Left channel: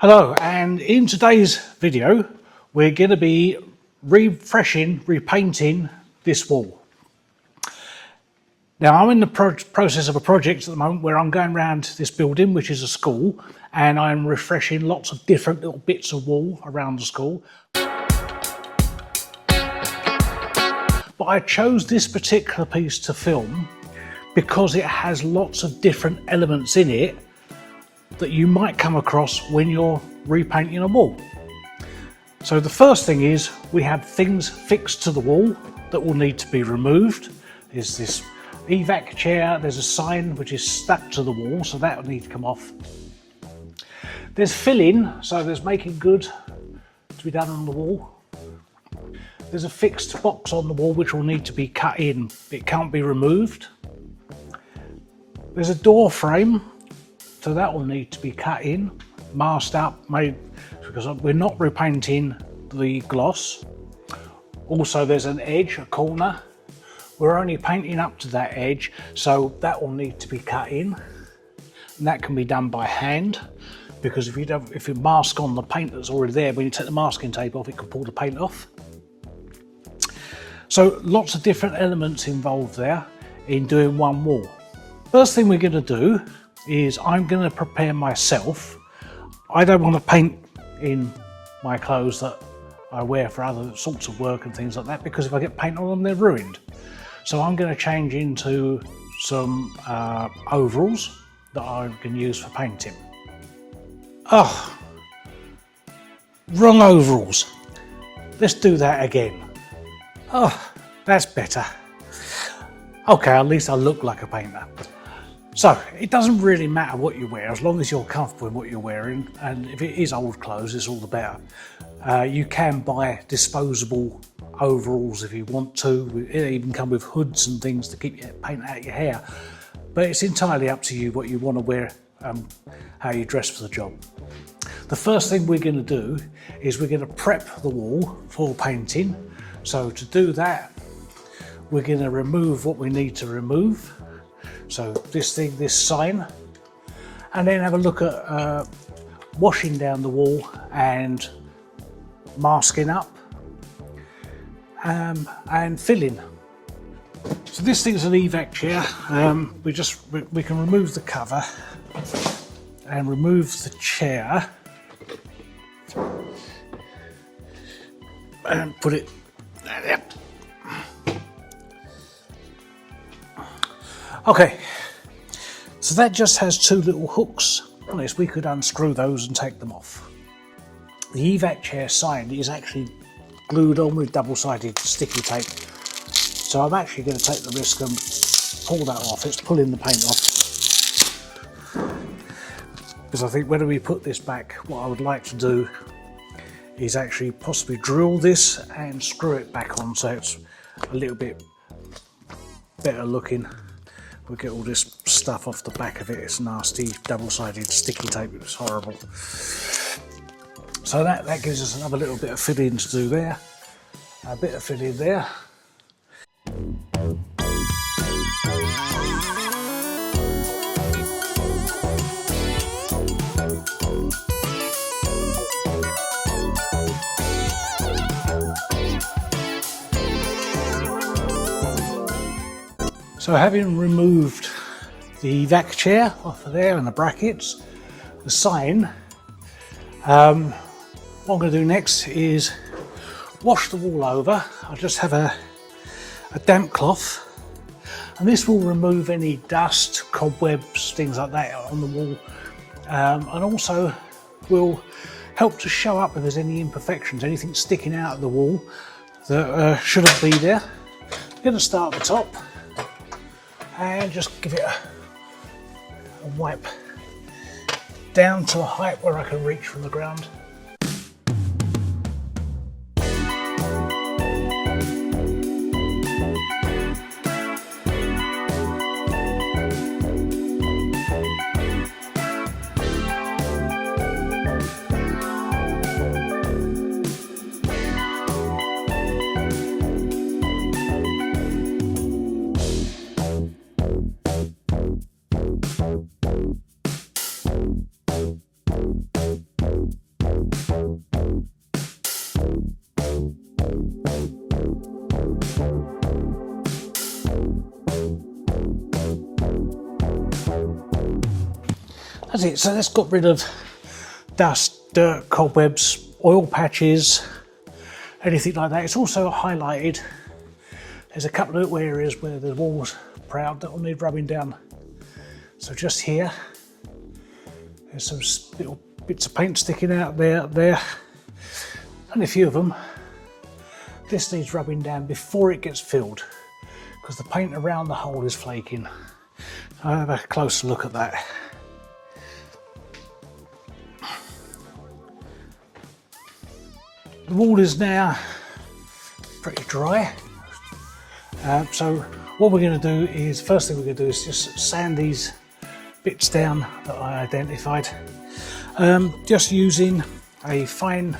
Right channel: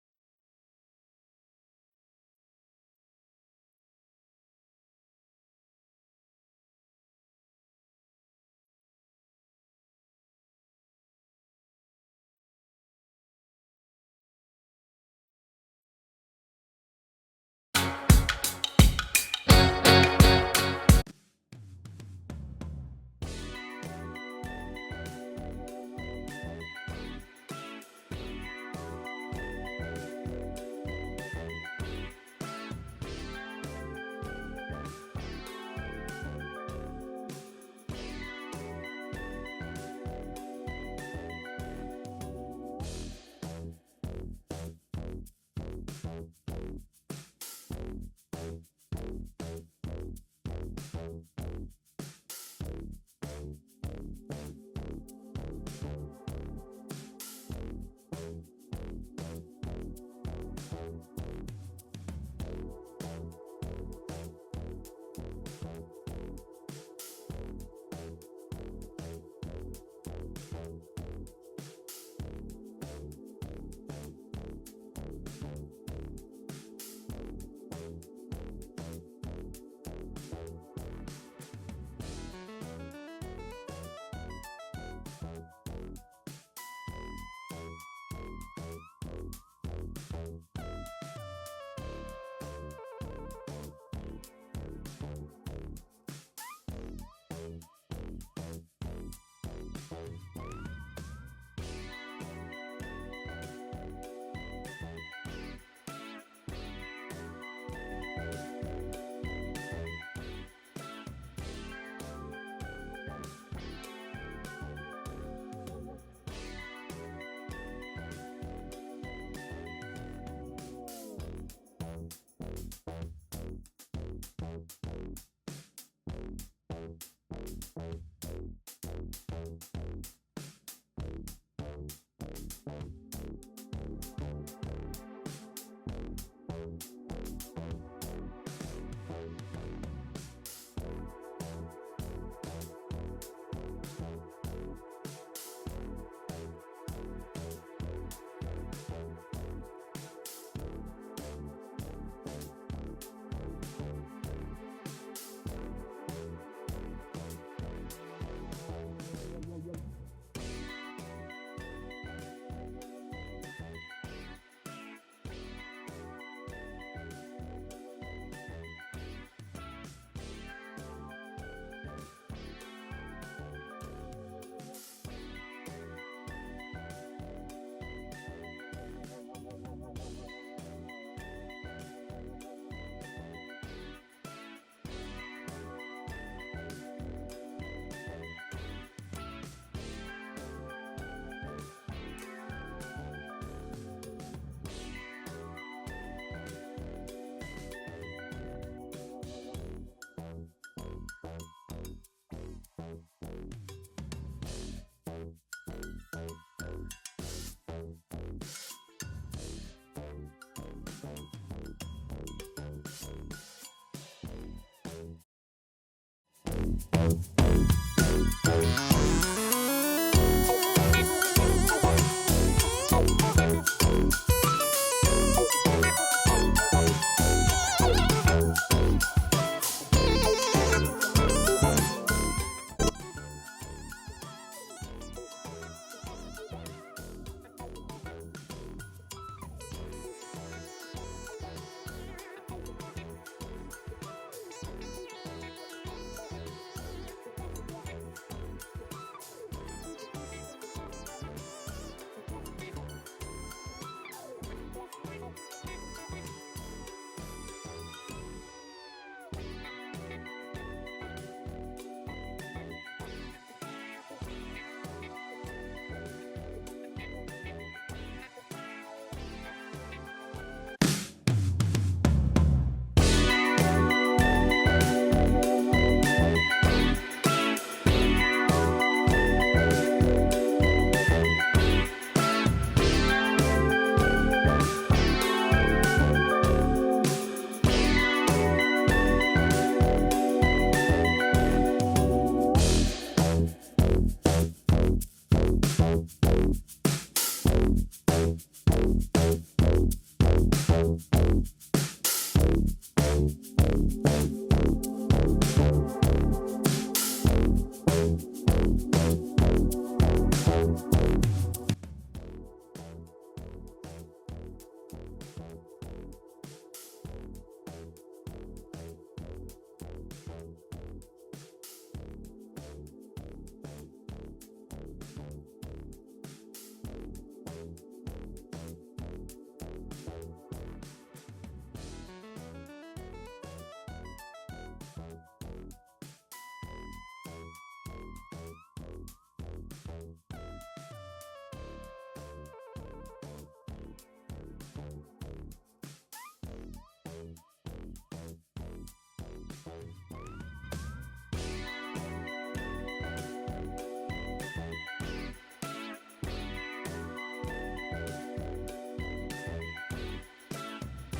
Hello, and in today's video we're going to be repainting this wall. Now I'm in the process of a project at the moment where I'm going around this building, which is a school, and I'm refreshing lots of different little bits of wall around the school. But I chose this particular piece to film because it has lots of different elements in it that you might come across when you're repainting a wall. So the first thing is we have things fixed to the wall that will need to be removed. There's this evac chair, there's a sign which is stuck to the wall, so that will need to come off. There's filling, so there's making good to be done on the wall. There's a fixed box on the wall which will need to be cut in. It can't be removed. There's a door frame, so that will need to be cut in, masked up, made, because we're not repainting the gloss. Also there's an edge, a corner. We're only painting up to that edge, so that will need to be cut in. And that can be done by hand, because if you mask on the paint that's already there, when you take the masking tape off, it can pull the paint off. So lots of different elements involved there in doing one wall. First thing we're going to do is I'm going to prepare myself. I don't want to paint in my clothes that I wear for other sorts of work and things like that, because if I get paint on them, they're ruined. So I'm going to change into some overalls that I can use for painting. Oh, wrong overalls. Let's do that again. Oh, that's better. Okay, at least I look like a painter. So, it doesn't really matter what you wear, as long as you're comfortable in what you're wearing, and if it is old clothes, it's all the better. You can buy disposable overalls if you want to. It even come with hoods and things to keep your paint out your hair. But it's entirely up to you what you want to wear, how you dress for the job. The first thing we're going to do is we're going to prep the wall for painting. So to do that, we're going to remove what we need to remove. So this sign, and then have a look at washing down the wall and masking up and filling. So this thing's an evac chair. We can remove the cover and remove the chair and put it there. Okay, so that just has two little hooks on this. We could unscrew those and take them off. The evac chair sign is actually glued on with double-sided sticky tape. So I'm actually going to take the risk and pull that off. It's pulling the paint off. Because I think when we put this back, what I would like to do is actually possibly drill this and screw it back on so it's a little bit better looking. We'll get all this stuff off the back of it. It's nasty double-sided sticky tape. It's horrible. So that gives us another little bit of filling to do there. A bit of filling there. So having removed the evac chair off of there and the brackets, the sign, what I'm going to do next is wash the wall over. I'll just have a damp cloth, and this will remove any dust, cobwebs, things like that on the wall, and also will help to show up if there's any imperfections, anything sticking out of the wall that shouldn't be there. I'm going to start at the top and just give it a wipe down to a height where I can reach from the ground. that's it. So that's got rid of dust, dirt, cobwebs, oil patches, anything like that. It's also highlighted. There's a couple of little areas where the wall's proud that will need rubbing down. So just here, there's some little bits of paint sticking out there. Only a few of them. This needs rubbing down before it gets filled because the paint around the hole is flaking. I'll have a closer look at that. The wall is now pretty dry. So what we're going to do is, first thing we're going to do is just sand these bits down that I identified. Just using a fine,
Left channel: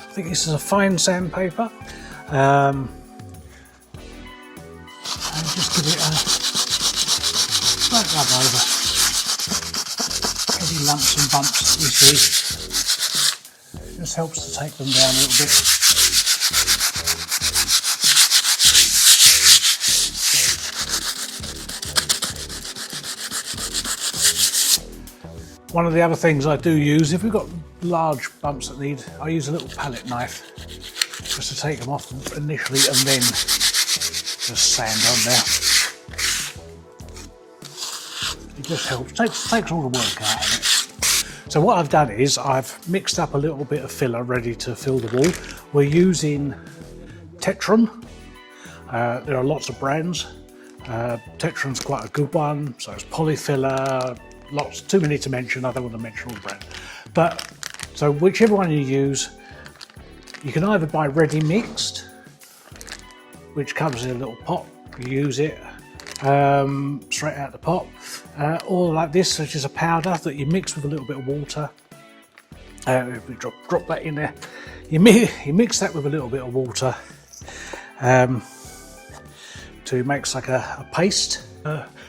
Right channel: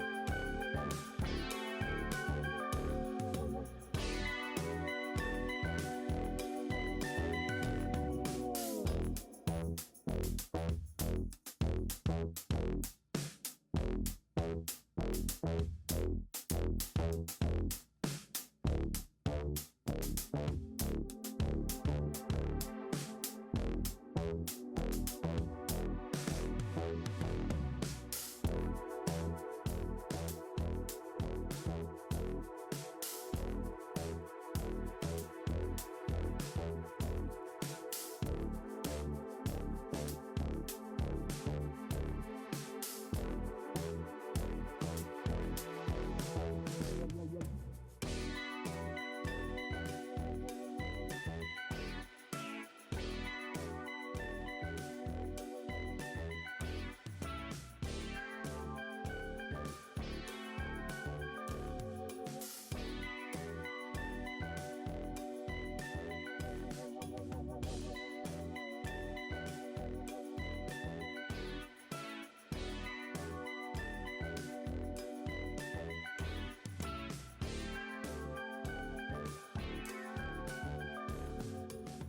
I think this is a fine sandpaper. And just give it a slight rub over any lumps and bumps that you see. Just helps to take them down a little bit. One of the other things I do use, if we've got large bumps that need, I use a little palette knife just to take them off initially and then just sand on there. It just helps, takes all the work out of it. So what I've done is I've mixed up a little bit of filler ready to fill the wall. We're using Tetron. There are lots of brands. Tetron's quite a good one, so it's Polyfiller, lots, too many to mention, I don't want to mention all the brands. But, so whichever one you use, you can either buy ready mixed, which comes in a little pot, you use it straight out the pot, or like this, which is a powder that you mix with a little bit of water. If we drop that in there, you mix that with a little bit of water to make like a paste.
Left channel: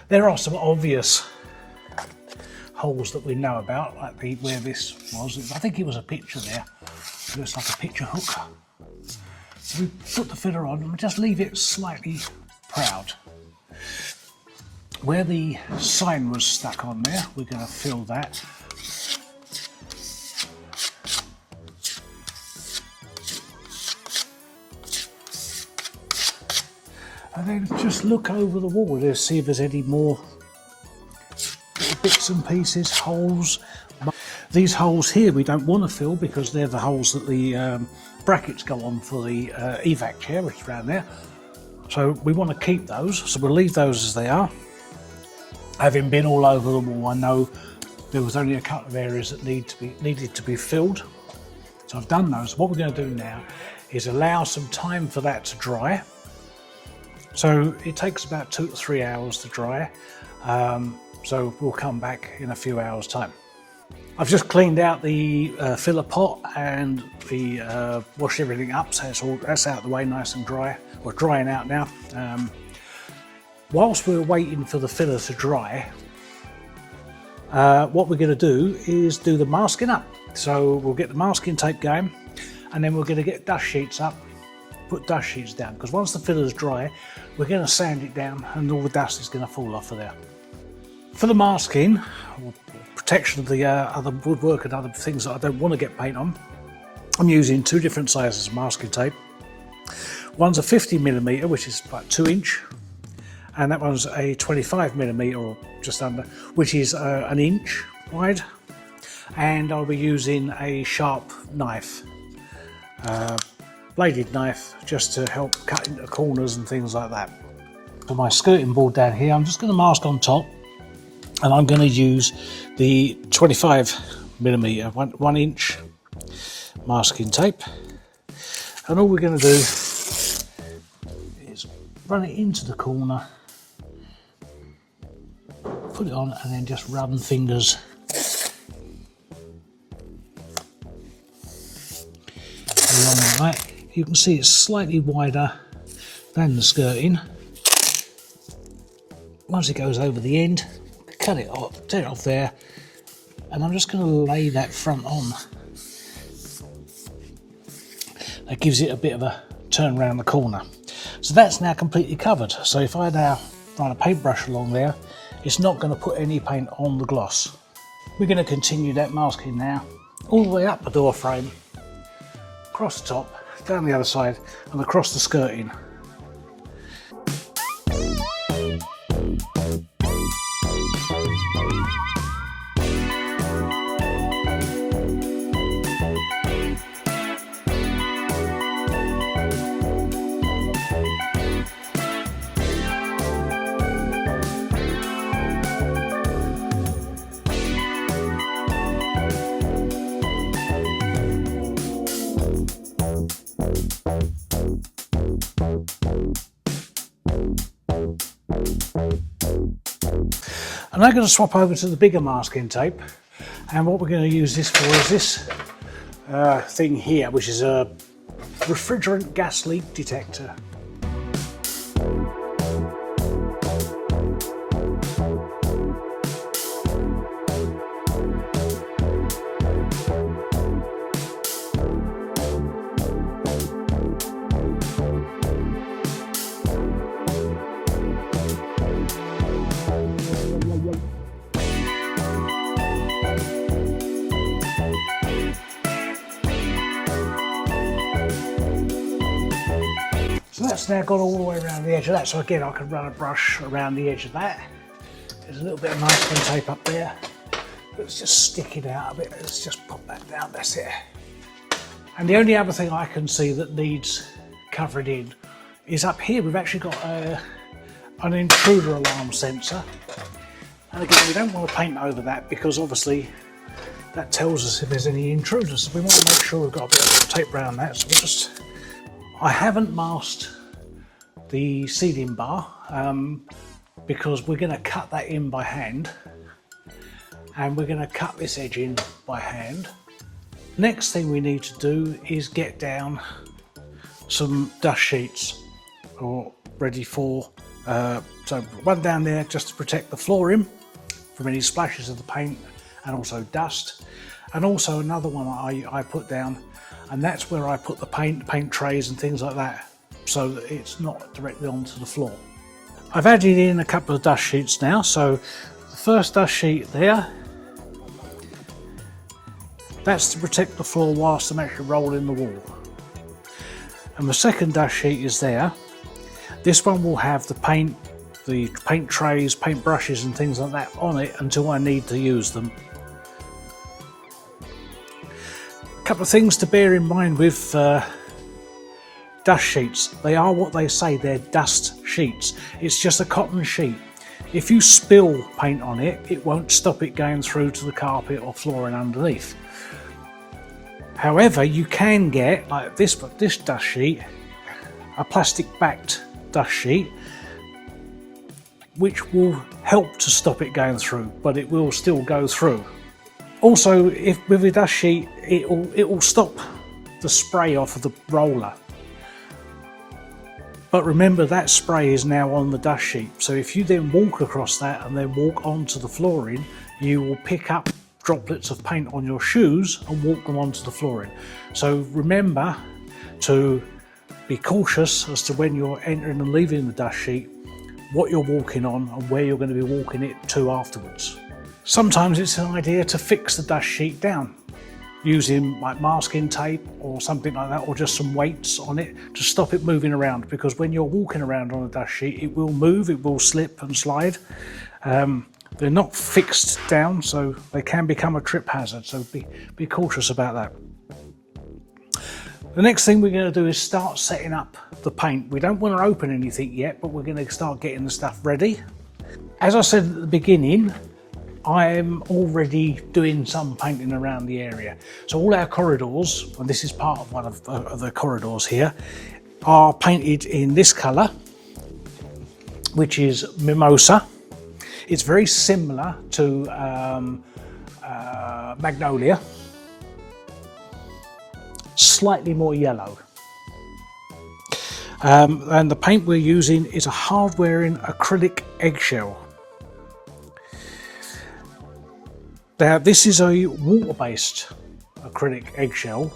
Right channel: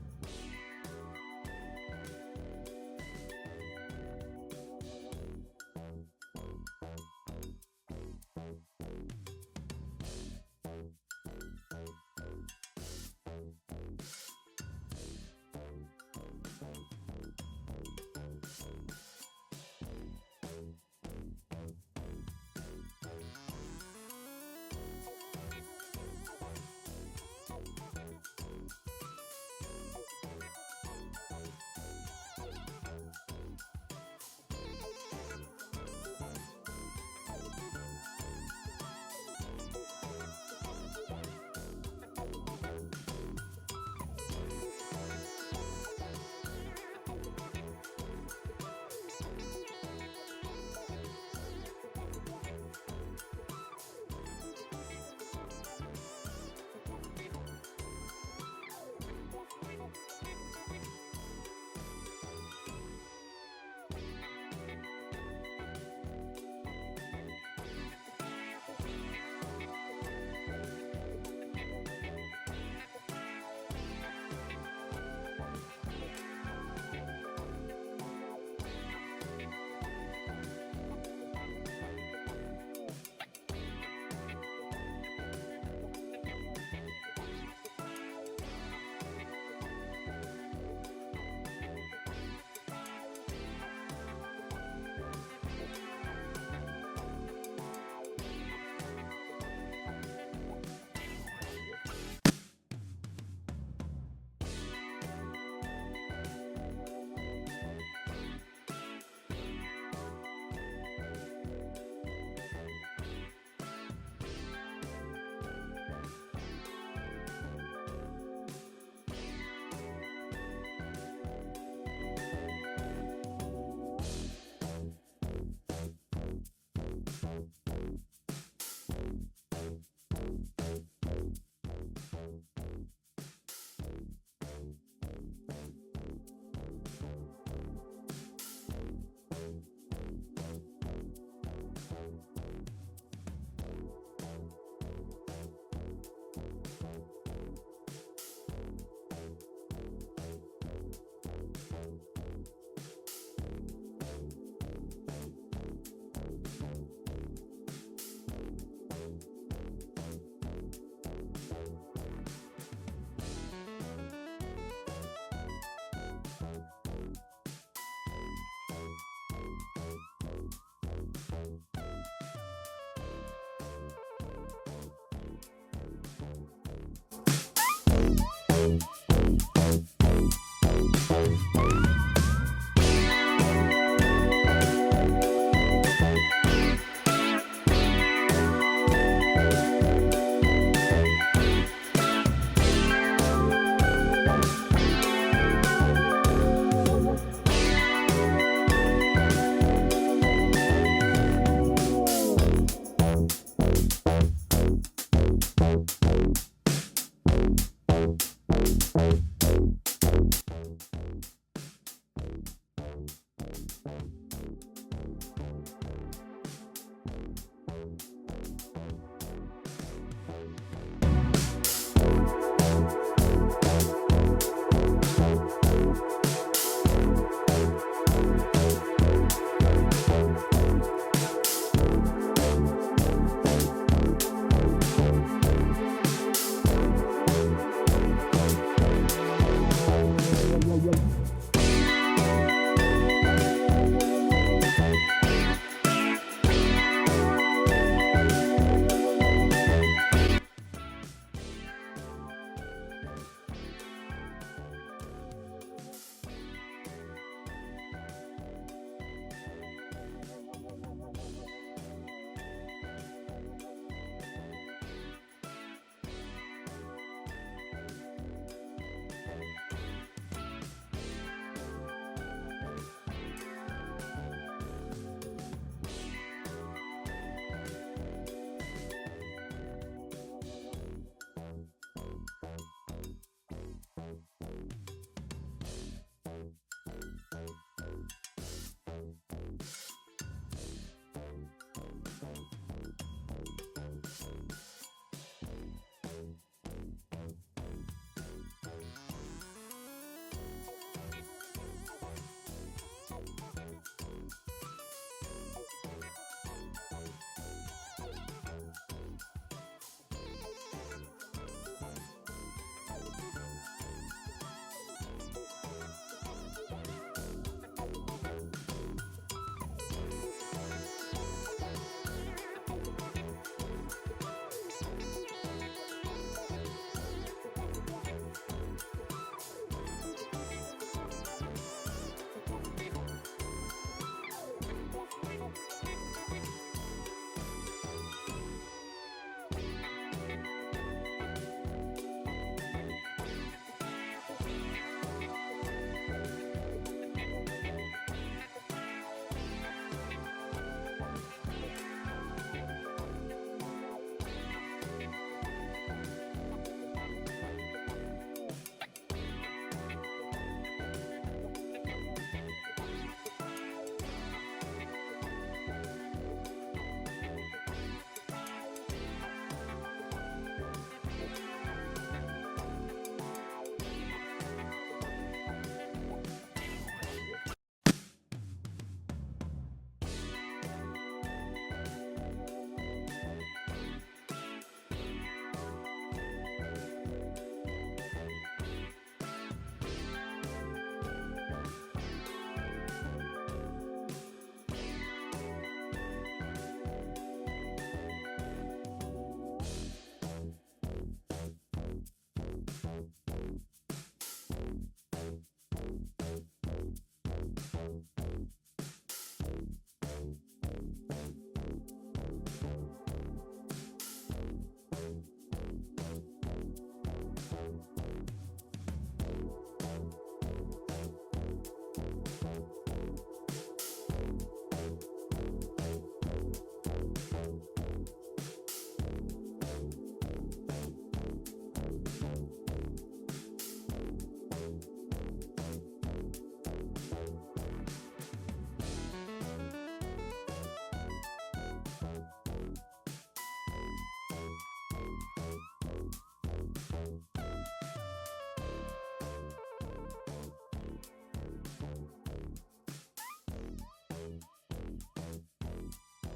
There are some obvious holes that we know about, like where this was. I think it was a picture there. It looks like a picture hook. So we put the filler on and we just leave it slightly proud. Where the sign was stuck on there, we're going to fill that. And then just look over the wall to see if there's any more bits and pieces, holes. These holes here we don't want to fill because they're the holes that the brackets go on for the evac chair, which is around there. So we want to keep those, so we'll leave those as they are. Having been all over the wall, I know there was only a couple of areas that needed to be filled. So I've done those. What we're going to do now is allow some time for that to dry. So it takes about 2 to 3 hours to dry. So we'll come back in a few hours' time. I've just cleaned out the filler pot and washed everything up, so that's out of the way, nice and dry. We're drying out now. Whilst we're waiting for the filler to dry, what we're going to do is do the masking up. So we'll get the masking tape going, and then we're going to get dust sheets up, put dust sheets down, because once the filler's dry, we're going to sand it down and all the dust is going to fall off of there. For the masking, or protection of the other woodwork and other things that I don't want to get paint on, I'm using 2 different sizes of masking tape. One's a 50mm, which is like 2 inch, and that one's a 25mm or just under, which is an inch wide. And I'll be using a sharp knife, bladed knife, just to help cut into corners and things like that. For my skirting board down here, I'm just going to mask on top, and I'm going to use the 25mm 1 inch masking tape, and all we're going to do is run it into the corner, put it on, and then just run fingers along like that. You can see it's slightly wider than the skirting. Once it goes over the end, cut it off, tear it off there, and I'm just going to lay that front on. That gives it a bit of a turn around the corner. So that's now completely covered. So if I now run a paintbrush along there, it's not going to put any paint on the gloss, We're going to continue that masking now, all the way up the door frame, across the top, down the other side and across the skirting. I'm now going to swap over to the bigger masking tape, and what we're going to use this for is this thing here, which is a refrigerant gas leak detector. So that's now got all the way around the edge of that. So again, I can run a brush around the edge of that. There's a little bit of masking tape up there. Let's just stick it out a bit. Let's just pop that down, that's it. And the only other thing I can see that needs covering in is up here. We've actually got an intruder alarm sensor. And again, we don't want to paint over that because obviously that tells us if there's any intruders. So we want to make sure we've got a bit of tape around that. So we'll just, I haven't masked the sealing bar because we're going to cut that in by hand, and we're going to cut this edge in by hand. Next thing we need to do is get down some dust sheets ready for, so one down there just to protect the flooring from any splashes of the paint and also dust, and also another one I put down, and that's where I put the paint trays and things like that, so that it's not directly onto the floor. I've added in a couple of dust sheets now. So the first dust sheet there, that's to protect the floor whilst I'm actually rolling the wall. And the second dust sheet is there. This one will have the paint trays, paint brushes and things like that on it until I need to use them. A couple of things to bear in mind with dust sheets. They are what they say, they're dust sheets. It's just a cotton sheet. If you spill paint on it, it won't stop it going through to the carpet or flooring underneath. However, you can get, like this dust sheet, a plastic backed dust sheet, which will help to stop it going through, but it will still go through. Also, if with a dust sheet, it will stop the spray off of the roller. But remember, that spray is now on the dust sheet. So if you then walk across that and then walk onto the flooring, you will pick up droplets of paint on your shoes and walk them onto the flooring. So remember to be cautious as to when you're entering and leaving the dust sheet, what you're walking on and where you're going to be walking it to afterwards. Sometimes it's an idea to fix the dust sheet down using like masking tape or something like that, or just some weights on it to stop it moving around, because when you're walking around on a dust sheet, it will move, it will slip and slide. They're not fixed down, so they can become a trip hazard, so be cautious about that. The next thing we're going to do is start setting up the paint. We don't want to open anything yet, but we're going to start getting the stuff ready. As I said at the beginning, I'm already doing some painting around the area. So all our corridors, and this is part of one of the corridors here, are painted in this colour, which is Mimosa. It's very similar to Magnolia, slightly more yellow. And the paint we're using is a hard-wearing acrylic eggshell. Now this is a water-based acrylic eggshell.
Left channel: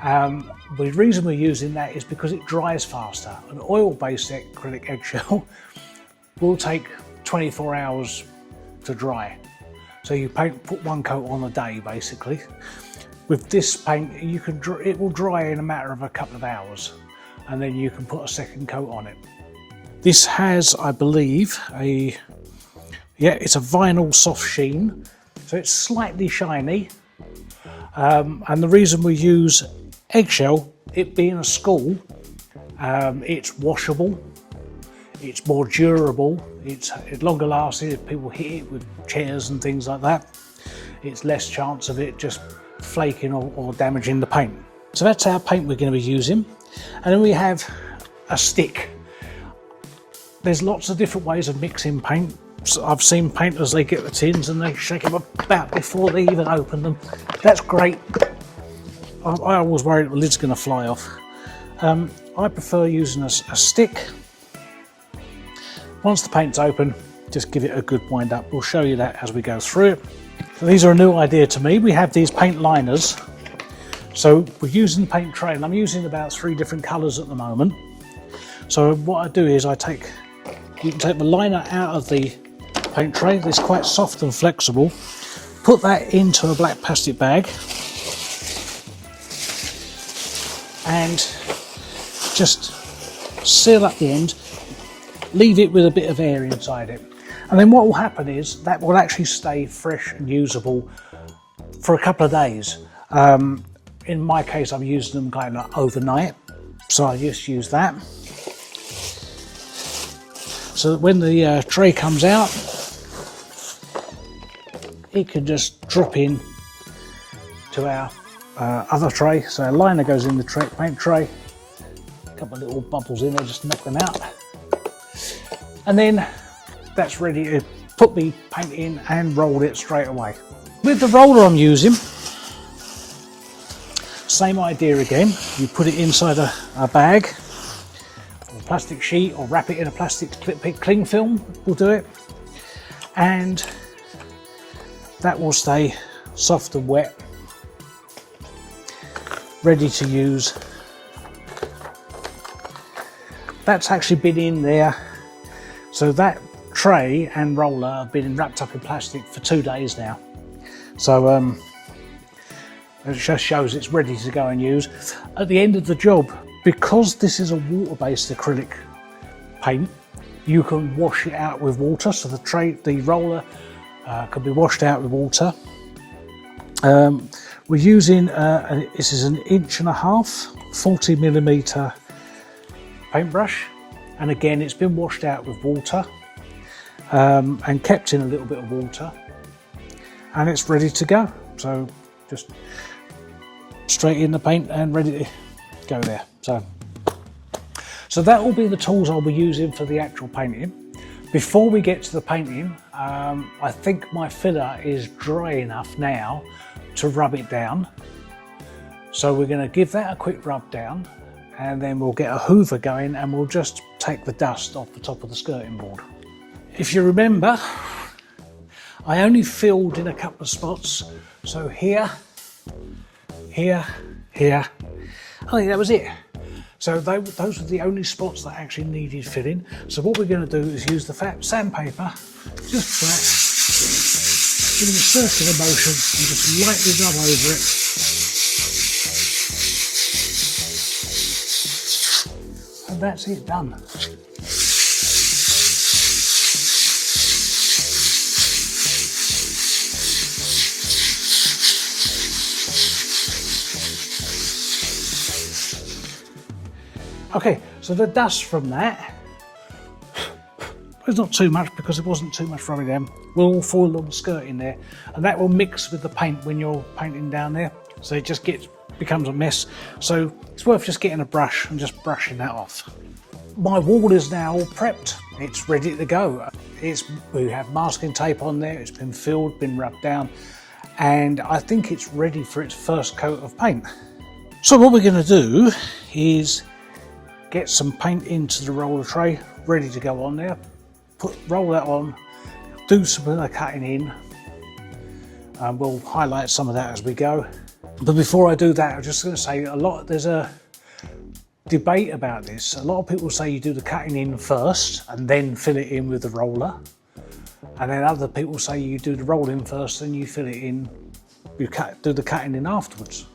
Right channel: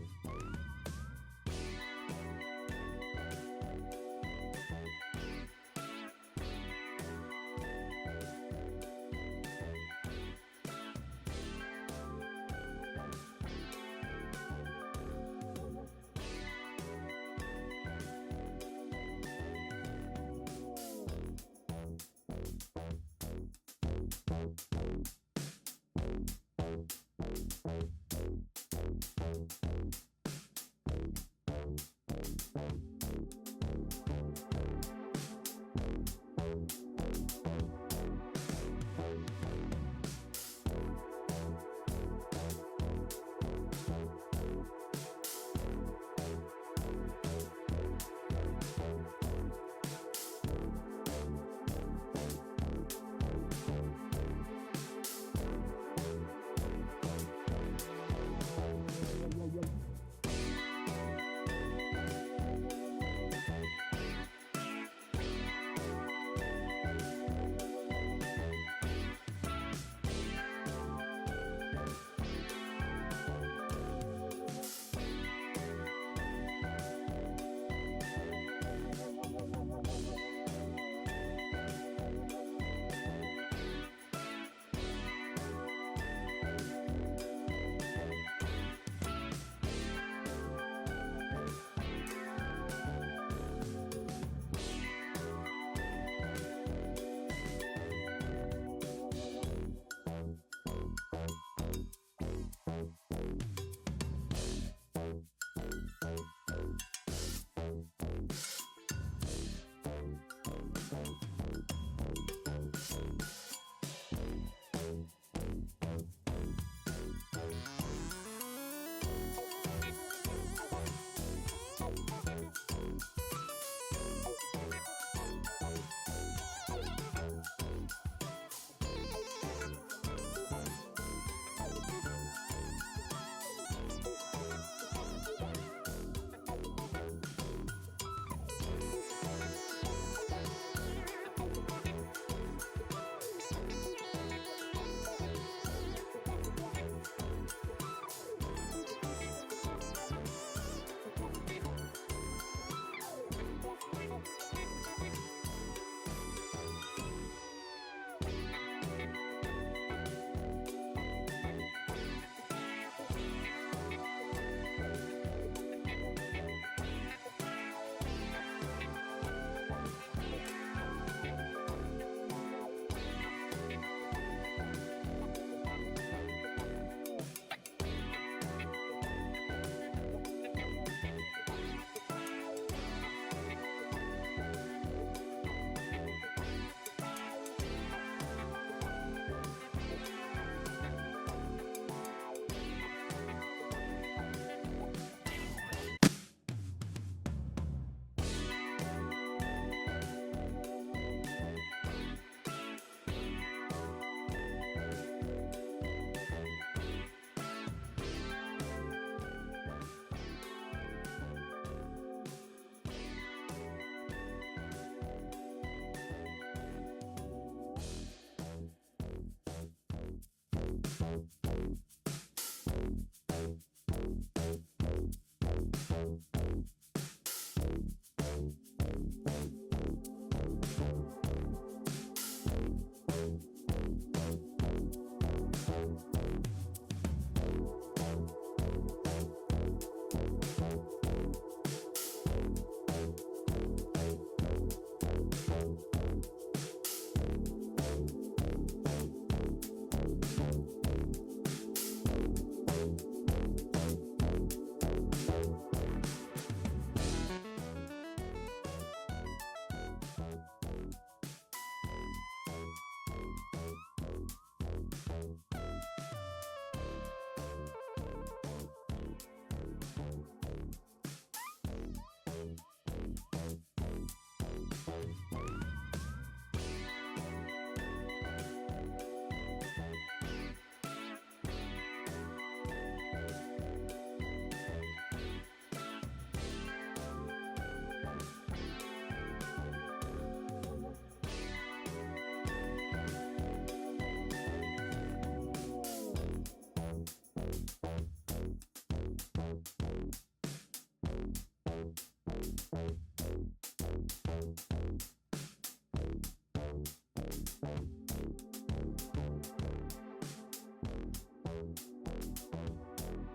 The reason we're using that is because it dries faster. An oil-based acrylic eggshell will take 24 hours to dry. So you put one coat on a day basically. With this paint, it will dry in a matter of a couple of hours, and then you can put a second coat on it. This has, I believe, it's a vinyl soft sheen, so it's slightly shiny. And the reason we use eggshell, it being a school, it's washable, it's more durable, it's longer lasting if people hit it with chairs and things like that. It's less chance of it just flaking or damaging the paint. So that's our paint we're going to be using. And then we have a stick. There's lots of different ways of mixing paint. So I've seen painters, they get the tins and they shake them about before they even open them. That's great. I always worry that the lid's going to fly off. I prefer using a stick. Once the paint's open, just give it a good wind up. We'll show you that as we go through it. So these are a new idea to me. We have these paint liners. So we're using the paint tray, and I'm using about 3 different colours at the moment. So what I do is you can take the liner out of the paint tray. It's quite soft and flexible. Put that into a black plastic bag and just seal up the end. Leave it with a bit of air inside it. And then what will happen is that will actually stay fresh and usable for a couple of days. In my case, I'm using them kind of overnight, so I just use that. So that when the tray comes out, it can just drop in to our other tray. So a liner goes in the paint tray, a couple of little bubbles in there, just knock them out. And then that's ready to put the paint in and roll it straight away. With the roller I'm using, same idea again. You put it inside a bag, or a plastic sheet, or wrap it in a plastic cling film will do it. And that will stay soft and wet, ready to use. That's actually been in there. So that tray and roller have been wrapped up in plastic for 2 days now. So it just shows it's ready to go and use. At the end of the job, because this is a water-based acrylic paint, you can wash it out with water. So the roller can be washed out with water. We're using, this is an 1.5 inch, 40mm paintbrush. And again, it's been washed out with water and kept in a little bit of water, and it's ready to go. So just straight in the paint and ready to go there. So that will be the tools I'll be using for the actual painting. Before we get to the painting, I think my filler is dry enough now to rub it down. So we're going to give that a quick rub down, and then we'll get a hoover going and we'll just take the dust off the top of the skirting board. If you remember, I only filled in a couple of spots. So here, here, here. I think that was it. So those were the only spots that actually needed filling. So what we're going to do is use the fat sandpaper, just flat, give it a circular motion and just lightly rub over it. That's it, done. Okay, so the dust from that, there's not too much because it wasn't too much rubbing down, will all fall on the skirt in there, and that will mix with the paint when you're painting down there, so it just becomes a mess. So it's worth just getting a brush and just brushing that off. My wall is now all prepped, it's ready to go. We have masking tape on there, it's been filled, been rubbed down, and I think it's ready for its first coat of paint. So what we're going to do is get some paint into the roller tray, ready to go on there. Roll that on, do some of the cutting in, and we'll highlight some of that as we go. But before I do that, I'm just going to say there's a debate about this. A lot of people say you do the cutting in first and then fill it in with the roller. And then other people say you do the rolling first and you fill it in, do the cutting in afterwards.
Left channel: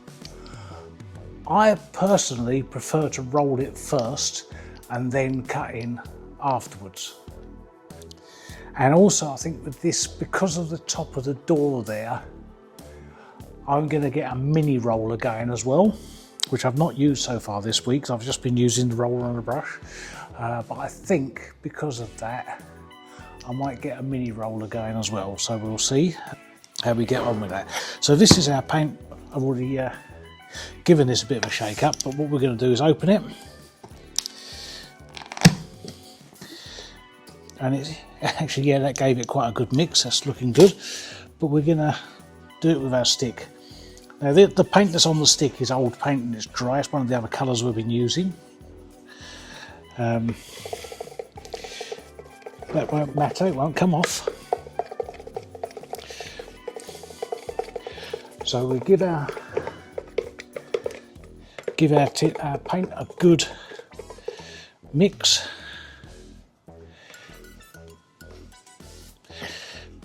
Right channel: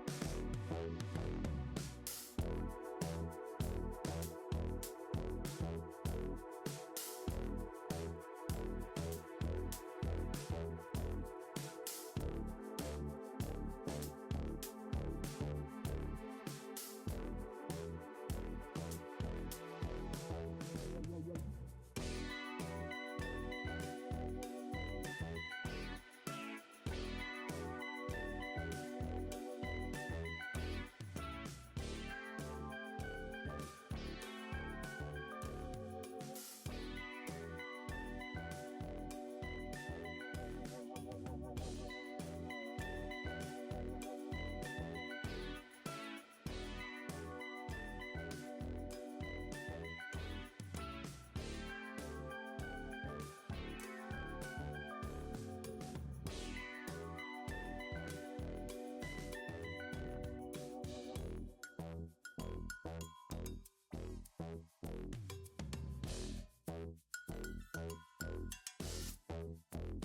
I personally prefer to roll it first and then cut in afterwards. And also I think with this, because of the top of the door there, I'm going to get a mini roller going as well, which I've not used so far this week, so I've just been using the roller and the brush. But I think because of that, I might get a mini roller going as well. So we'll see how we get on with that. So this is our paint. I've already given this a bit of a shake up, but what we're going to do is open it. And it's actually, yeah, that gave it quite a good mix. That's looking good. But we're going to do it with our stick. Now the paint that's on the stick is old paint and it's dry. It's one of the other colours we've been using. That won't matter, it won't come off. So we give our paint a good mix.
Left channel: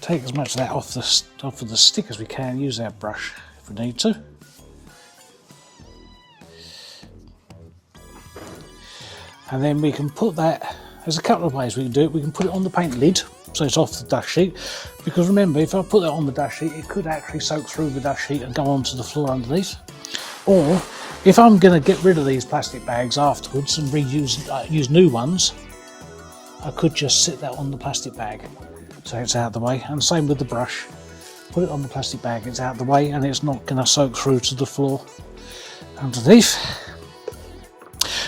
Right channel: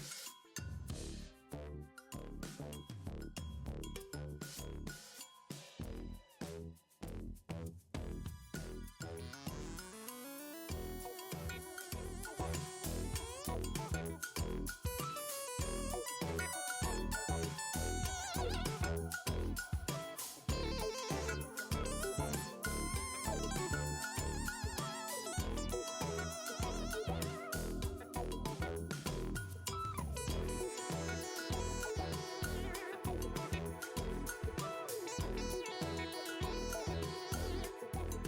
Take as much of that off of the stick as we can. Use our brush if we need to. And then we can put that, there's a couple of ways we can do it. We can put it on the paint lid, so it's off the dust sheet. Because remember, if I put that on the dust sheet, it could actually soak through the dust sheet and go onto the floor underneath. Or, if I'm going to get rid of these plastic bags afterwards and use new ones, I could just sit that on the plastic bag, so it's out of the way. And same with the brush. Put it on the plastic bag, it's out of the way, and it's not going to soak through to the floor underneath.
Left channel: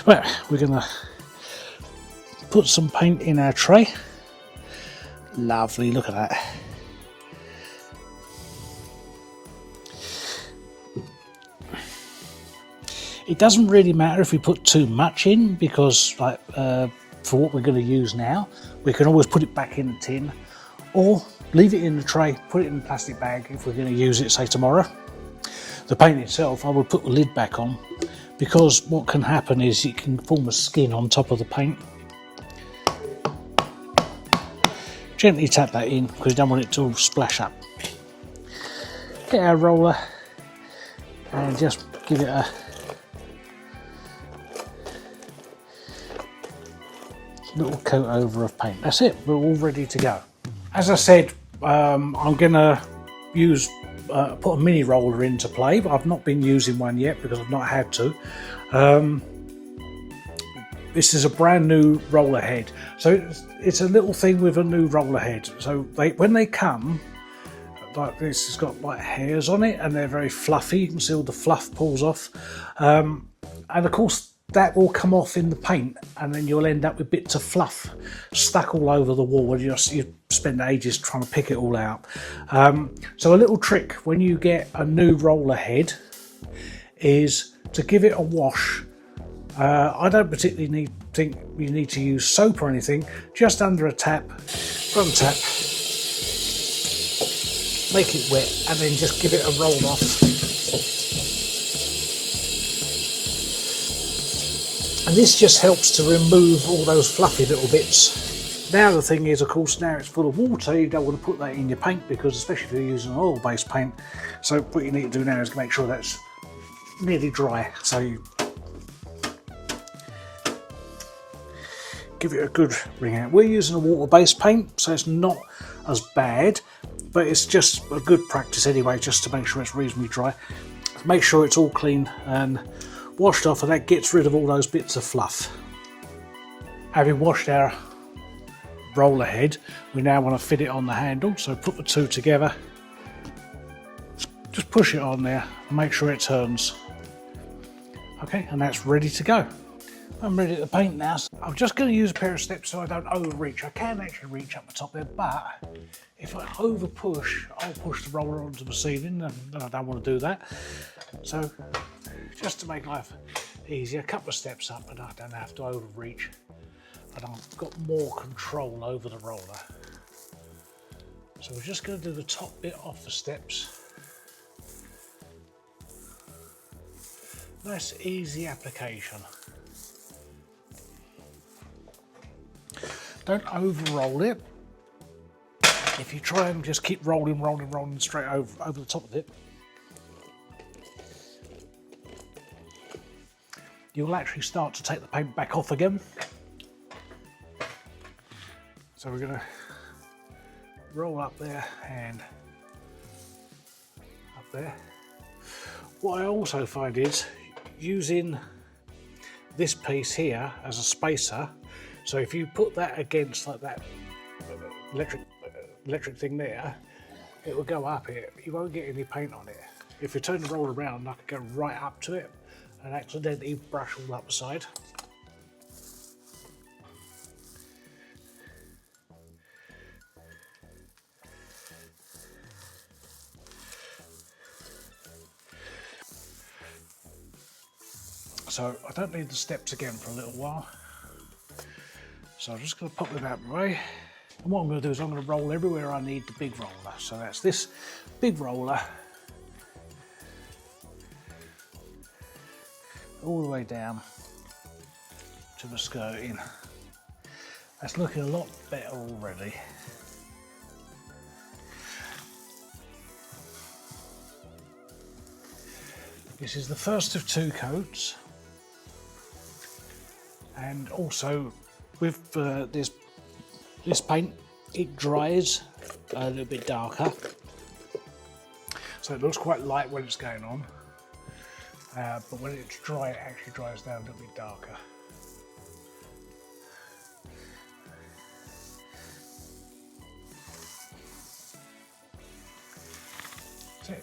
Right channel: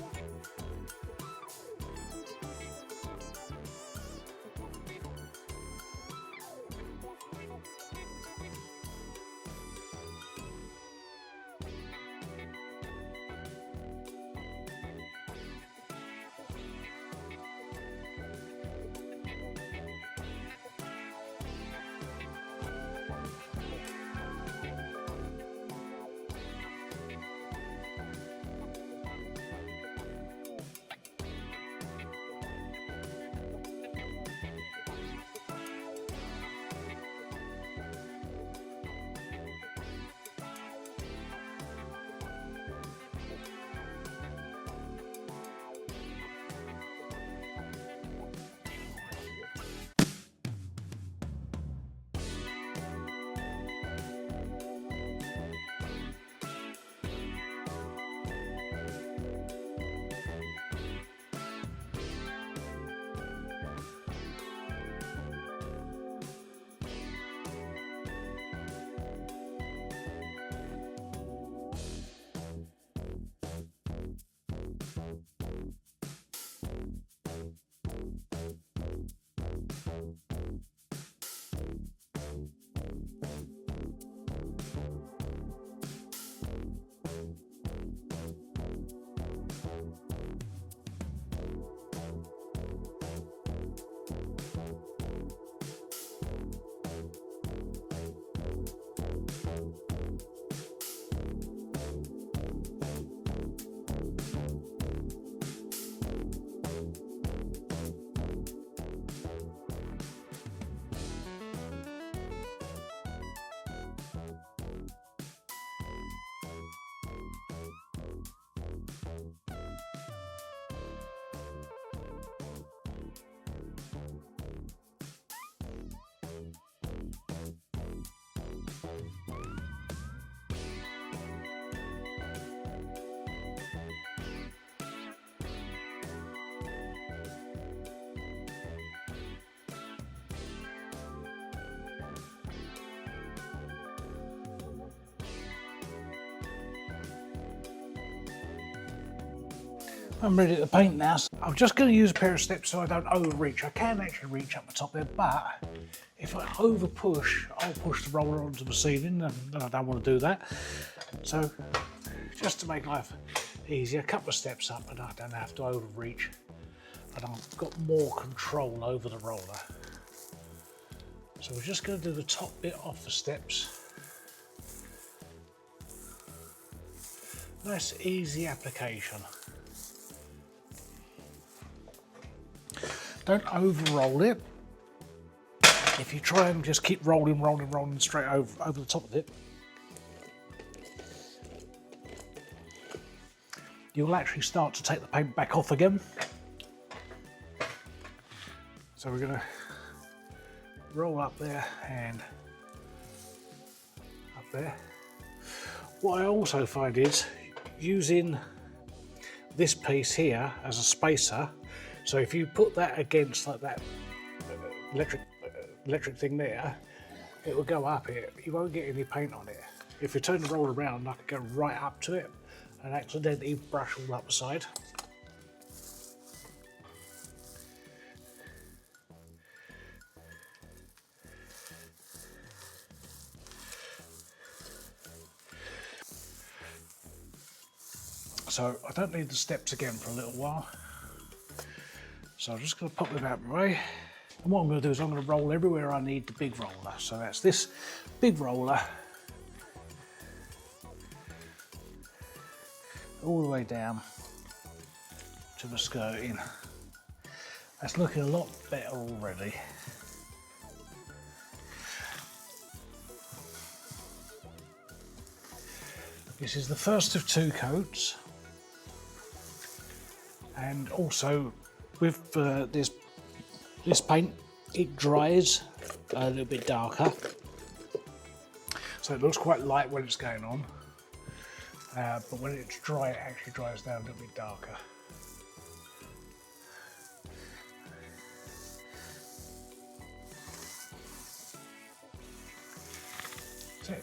Well, we're going to put some paint in our tray. Lovely, look at that. It doesn't really matter if we put too much in, because like for what we're going to use now, we can always put it back in the tin or leave it in the tray, put it in the plastic bag if we're going to use it, say tomorrow. The paint itself, I will put the lid back on, because what can happen is it can form a skin on top of the paint. Gently tap that in because you don't want it to all splash up. Get our roller and just give it a little coat over of paint. That's it, we're all ready to go. As I said, I'm going to use put a mini roller into play, but I've not been using one yet because I've not had to. This is a brand new roller head, so it's a little thing with a new roller head. So when they come, like this has got like hairs on it and they're very fluffy. You can see all the fluff pulls off, and of course that will come off in the paint, and then you'll end up with bits of fluff stuck all over the wall, and you spend ages trying to pick it all out. So a little trick when you get a new roller head is to give it a wash. I don't particularly think you need to use soap or anything, just under a tap, from tap, make it wet, and then just give it a roll off. And this just helps to remove all those fluffy little bits. Now the thing is, of course, now it's full of water, you don't want to put that in your paint, because especially if you're using an oil-based paint, so what you need to do now is make sure that's nearly dry, so you give it a good wring out. We're using a water-based paint, so it's not as bad, but it's just a good practice anyway, just to make sure it's reasonably dry. Make sure it's all clean and washed off, and that gets rid of all those bits of fluff. Having washed our roller head, we now want to fit it on the handle, so put the two together, just push it on there and make sure it turns. Okay, and that's ready to go. I'm ready to paint now. I'm just going to use a pair of steps so I don't overreach. I can actually reach up the top there, but if I over push, I'll push the roller onto the ceiling, and I don't want to do that. So just to make life easier, a couple of steps up, and I don't have to overreach, and I've got more control over the roller. So we're just going to do the top bit off the steps. Nice easy application. Don't over roll it, if you try and just keep rolling straight over the top of it, you'll actually start to take the paint back off again. So we're going to roll up there and up there. What I also find is using this piece here as a spacer, so if you put that against like that electric thing there, it will go up here. You won't get any paint on it. If you turn the roller around, I could go right up to it and accidentally brush all up the side. So I don't need the steps again for a little while. So I'm just going to pop them out of the way. And what I'm going to do is I'm going to roll everywhere I need the big roller. So that's this big roller all the way down to the skirting. That's looking a lot better already. This is the first of 2 coats. And also with this paint, it dries a little bit darker. So it looks quite light when it's going on, but when it's dry, it actually dries down a little bit darker.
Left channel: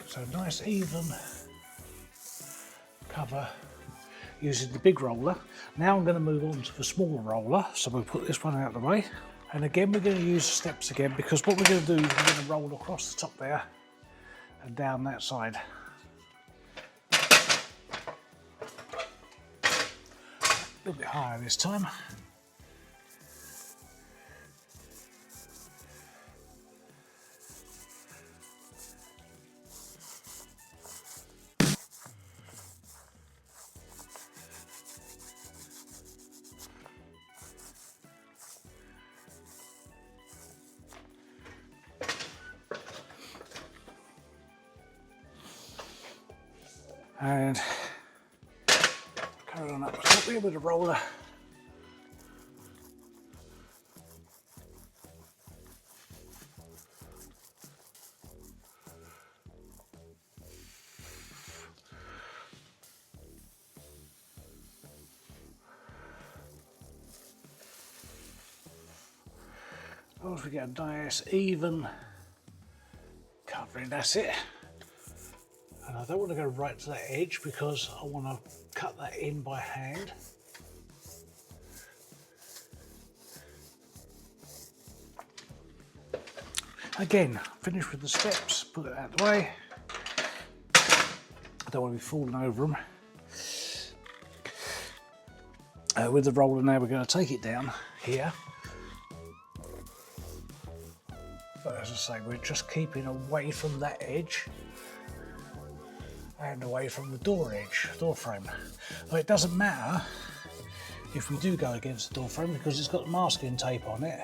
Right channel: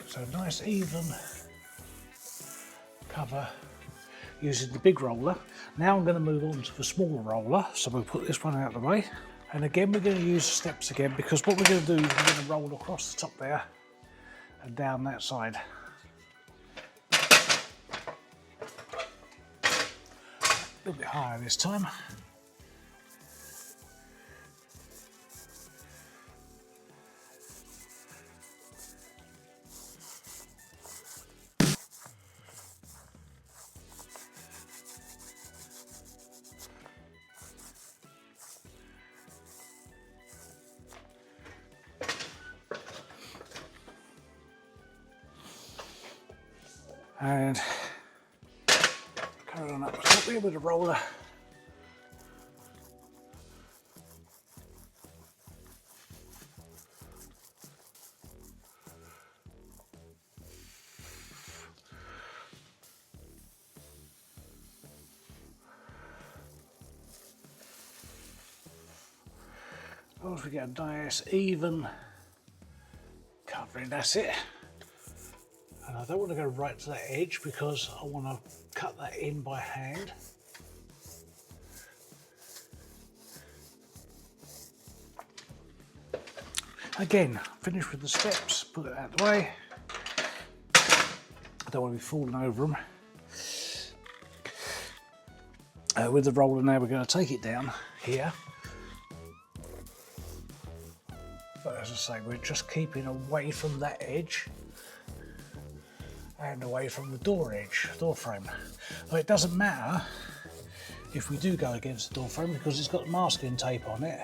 So nice even cover using the big roller. Now I'm going to move on to the smaller roller, so we'll put this one out of the way. And again, we're going to use the steps again, because what we're going to do is we're going to roll across the top there and down that side. A little bit higher this time. And carry on up the top here with the roller. As long as we get a nice even covering, that's it. And I don't want to go right to that edge because I want to cut that in by hand. Again, finish with the steps, put it out of the way. I don't want to be falling over them. With the roller now, we're going to take it down here. But as I say, we're just keeping away from that edge and away from the door edge, door frame. But it doesn't matter if we do go against the door frame because it's got masking tape on it.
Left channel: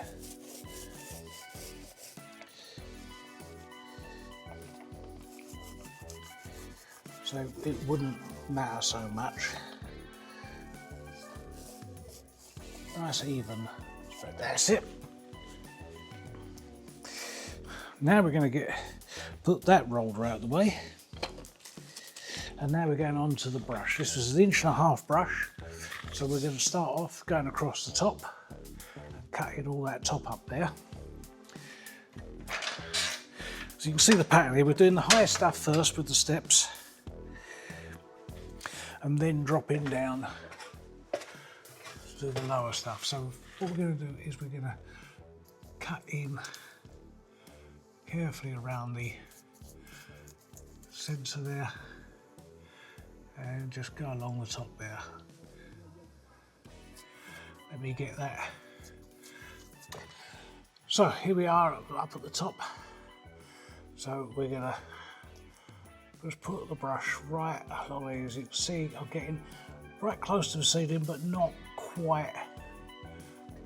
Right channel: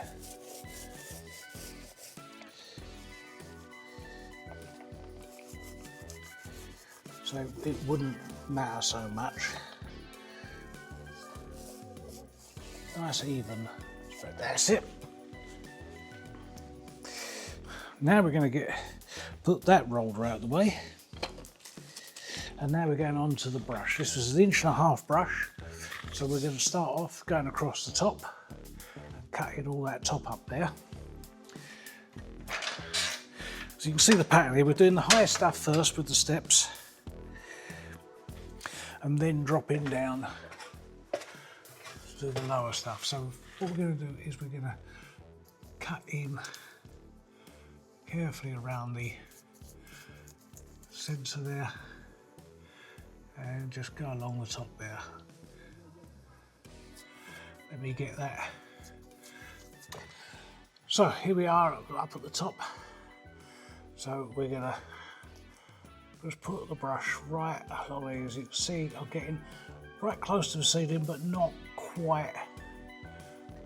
So it wouldn't matter so much. Nice even, that's it. Now we're going to put that roller out of the way. And now we're going on to the brush. This was an 1.5 inch brush. So we're going to start off going across the top, cutting all that top up there. So you can see the pattern here. We're doing the higher stuff first with the steps, and then dropping down to the lower stuff. So what we're going to do is we're going to cut in carefully around the centre there and just go along the top there. Let me get that. So here we are up at the top. So we're going to just put the brush right along here. As you can see, I'm getting right close to the ceiling but not quite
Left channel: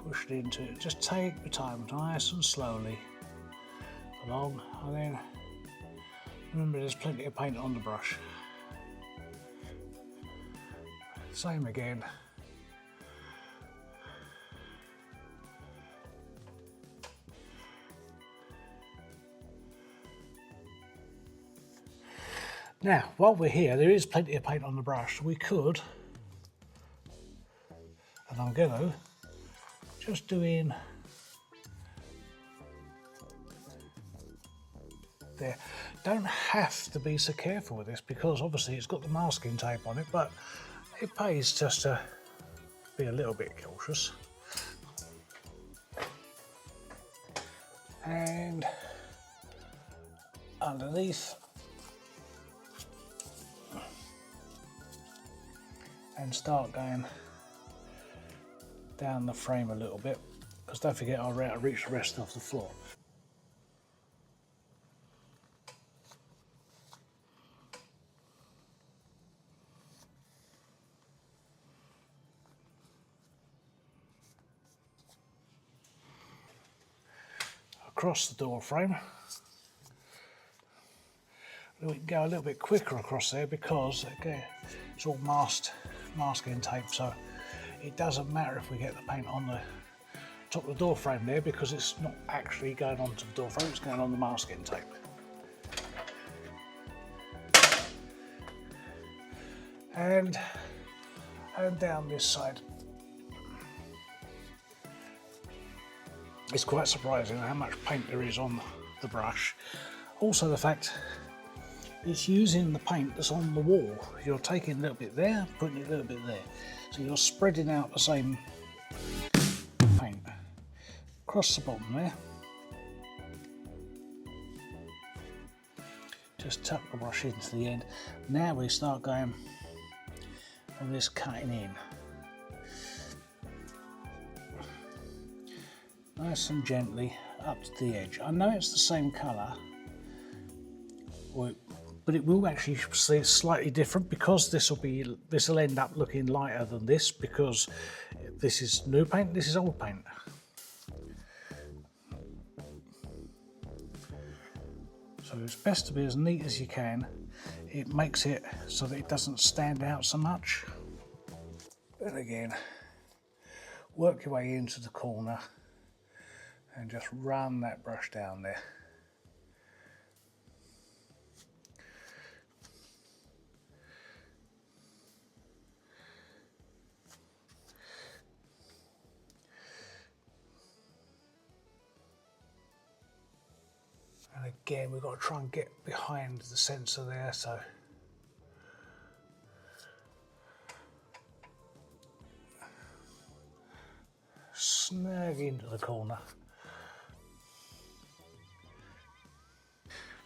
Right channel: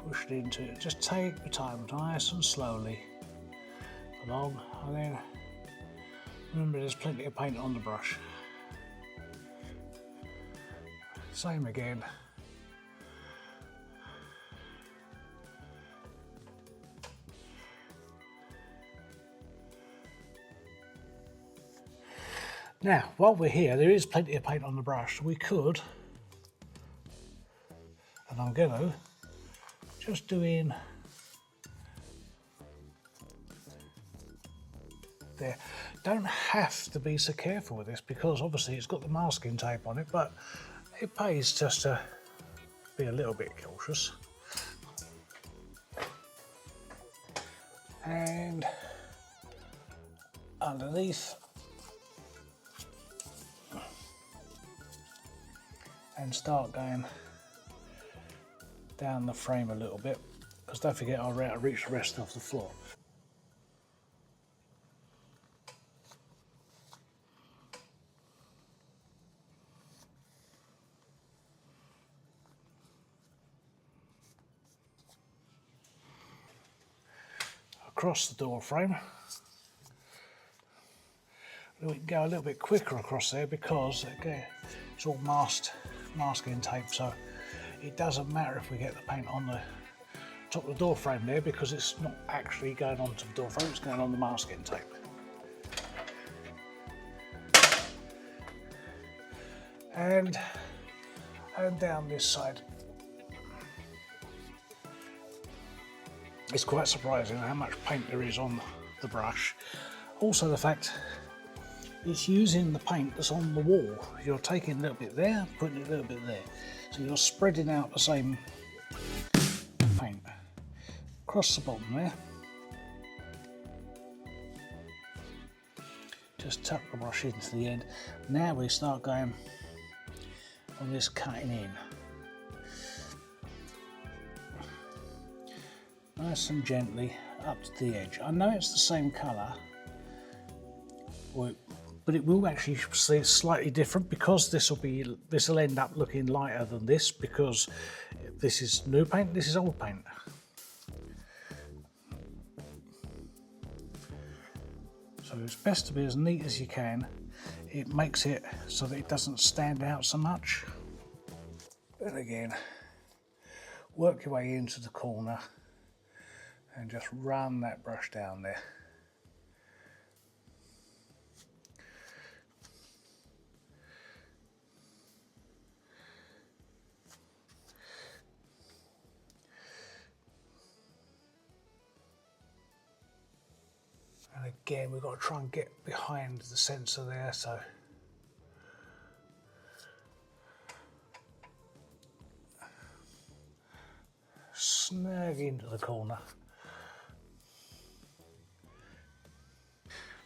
pushed into it. Just take your time, nice and slowly. along, and then remember there's plenty of paint on the brush. Same again. Now, while we're here, there is plenty of paint on the brush. We could, and I'm going to, just do in there. Don't have to be so careful with this because obviously it's got the masking tape on it, but it pays just to be a little bit cautious. And underneath, and start going down the frame a little bit, because don't forget I'll reach the rest of the floor. Across the door frame. We can go a little bit quicker across there because again, it's all masking tape, so it doesn't matter if we get the paint on the top of the door frame there because it's not actually going onto the door frame, it's going on the masking tape. And down this side. It's quite surprising how much paint there is on the brush. Also the fact it's using the paint that's on the wall. You're taking a little bit there, putting it a little bit there. So you're spreading out the same paint. Across the bottom there. Just tuck the brush into the end. Now we start going on this cutting in. Nice and gently up to the edge. I know it's the same colour, but it will actually see slightly different because this will end up looking lighter than this because this is new paint, this is old paint. So it's best to be as neat as you can. It makes it so that it doesn't stand out so much. And again, work your way into the corner and just run that brush down there. And again, we've got to try and get behind the sensor there, so snag into the corner.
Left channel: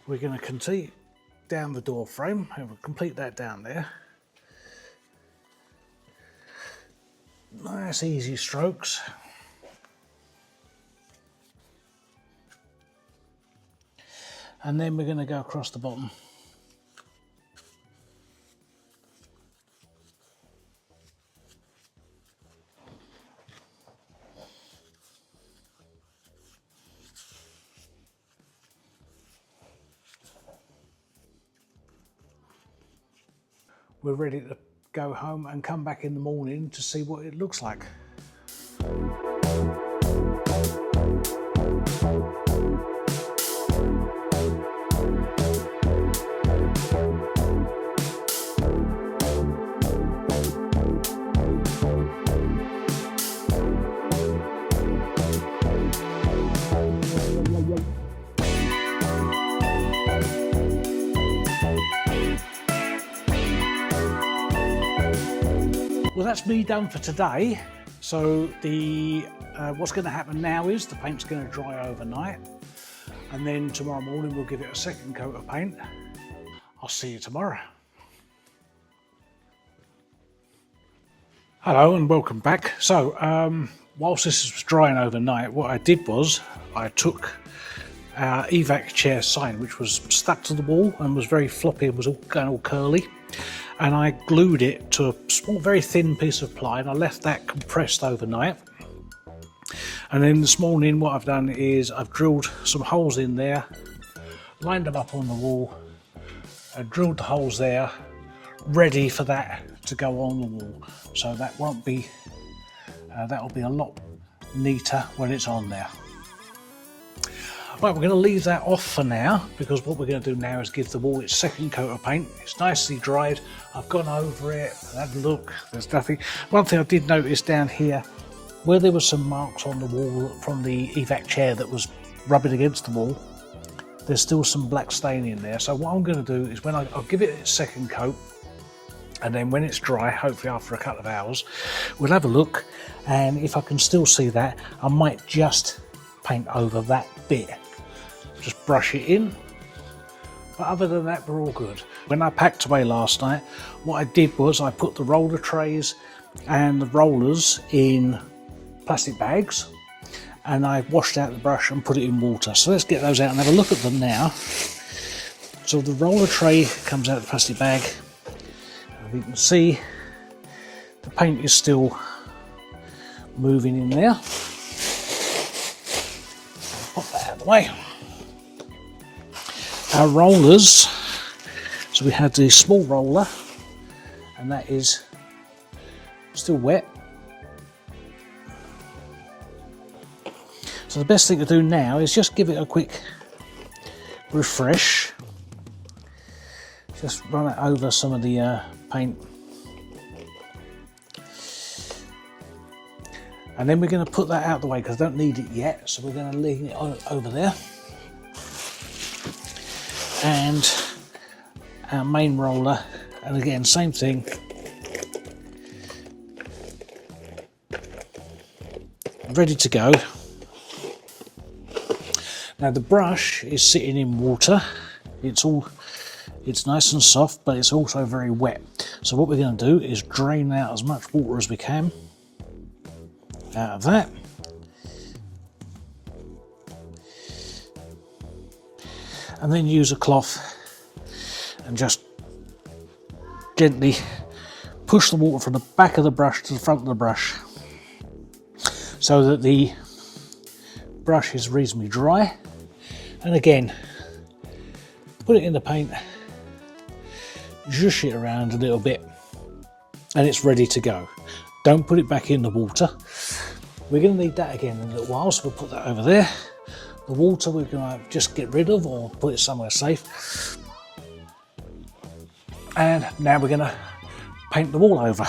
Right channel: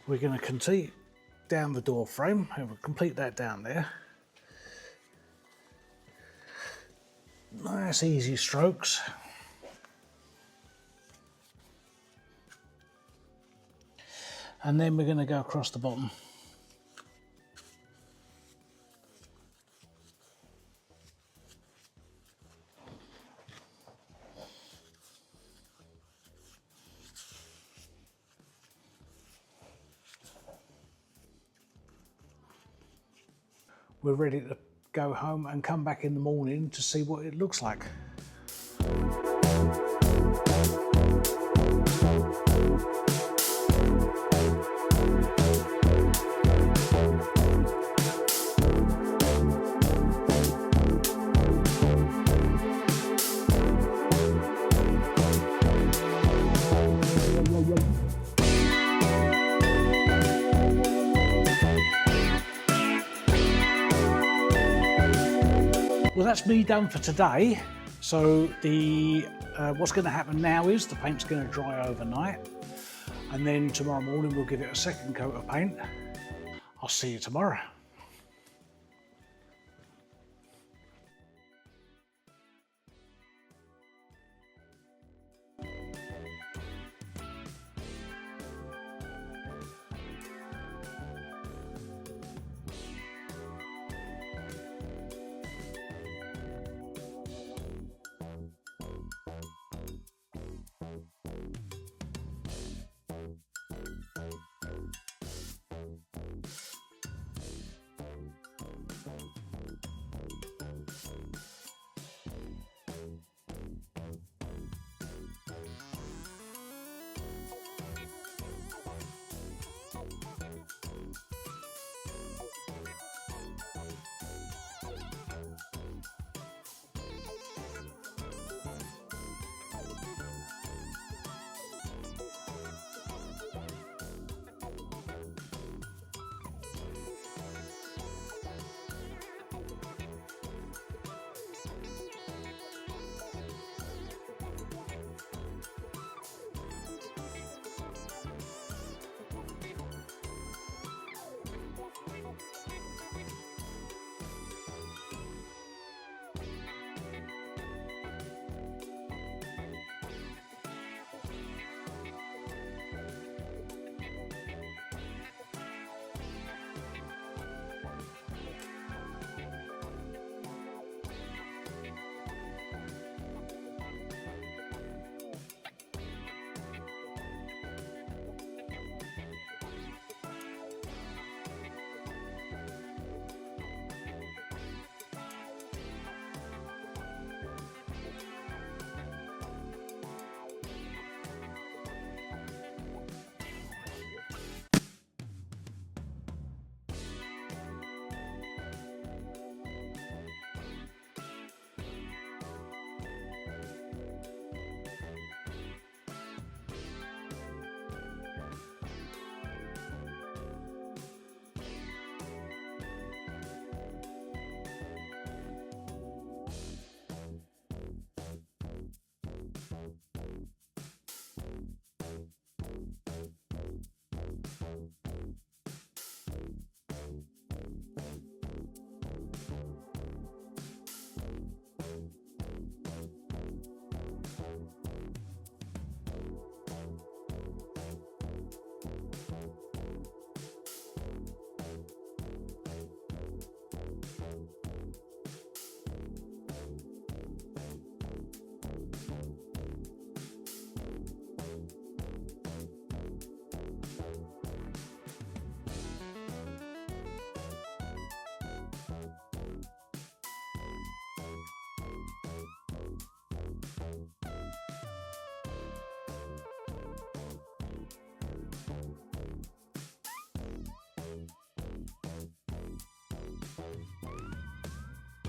We're going to continue down the door frame and we'll complete that down there. Nice easy strokes. And then we're going to go across the bottom. We're ready to go home and come back in the morning to see what it looks like. Well, that's me done for today. So what's going to happen now is the paint's going to dry overnight, and then tomorrow morning we'll give it a second coat of paint. I'll see you tomorrow. Hello and welcome back. So whilst this was drying overnight, what I did was I took our evac chair sign, which was stuck to the wall and was very floppy and was all going all curly, and I glued it to a small, very thin piece of ply, and I left that compressed overnight. And then this morning what I've done is I've drilled some holes in there, lined them up on the wall, and drilled the holes there, ready for that to go on the wall. So that won't be, that'll be a lot neater when it's on there. Right, we're going to leave that off for now, because what we're going to do now is give the wall its second coat of paint. It's nicely dried. I've gone over it, had a look, there's nothing. One thing I did notice down here, where there were some marks on the wall from the evac chair that was rubbing against the wall, there's still some black stain in there. So what I'm going to do is I'll give it its second coat, and then when it's dry, hopefully after a couple of hours, we'll have a look, and if I can still see that, I might just paint over that bit. Just brush it in, but other than that we're all good. When I packed away last night, what I did was I put the roller trays and the rollers in plastic bags, and I washed out the brush and put it in water. So let's get those out and have a look at them now. So the roller tray comes out of the plastic bag. You can see the paint is still moving in there. Pop that out of the way. Our rollers, so we had the small roller, and that is still wet. So the best thing to do now is just give it a quick refresh. Just run it over some of the paint. And then we're going to put that out of the way because I don't need it yet, so we're going to leave it over there. And our main roller, and again same thing, ready to go. Now the brush is sitting in water. It's nice and soft, but it's also very wet. So what we're going to do is drain out as much water as we can out of that. And then use a cloth and just gently push the water from the back of the brush to the front of the brush so that the brush is reasonably dry. And again, put it in the paint, zhush it around a little bit, and it's ready to go. Don't put it back in the water. We're going to need that again in a little while, so we'll put that over there. The water we're going to just get rid of or put it somewhere safe. And now we're going to paint the wall over.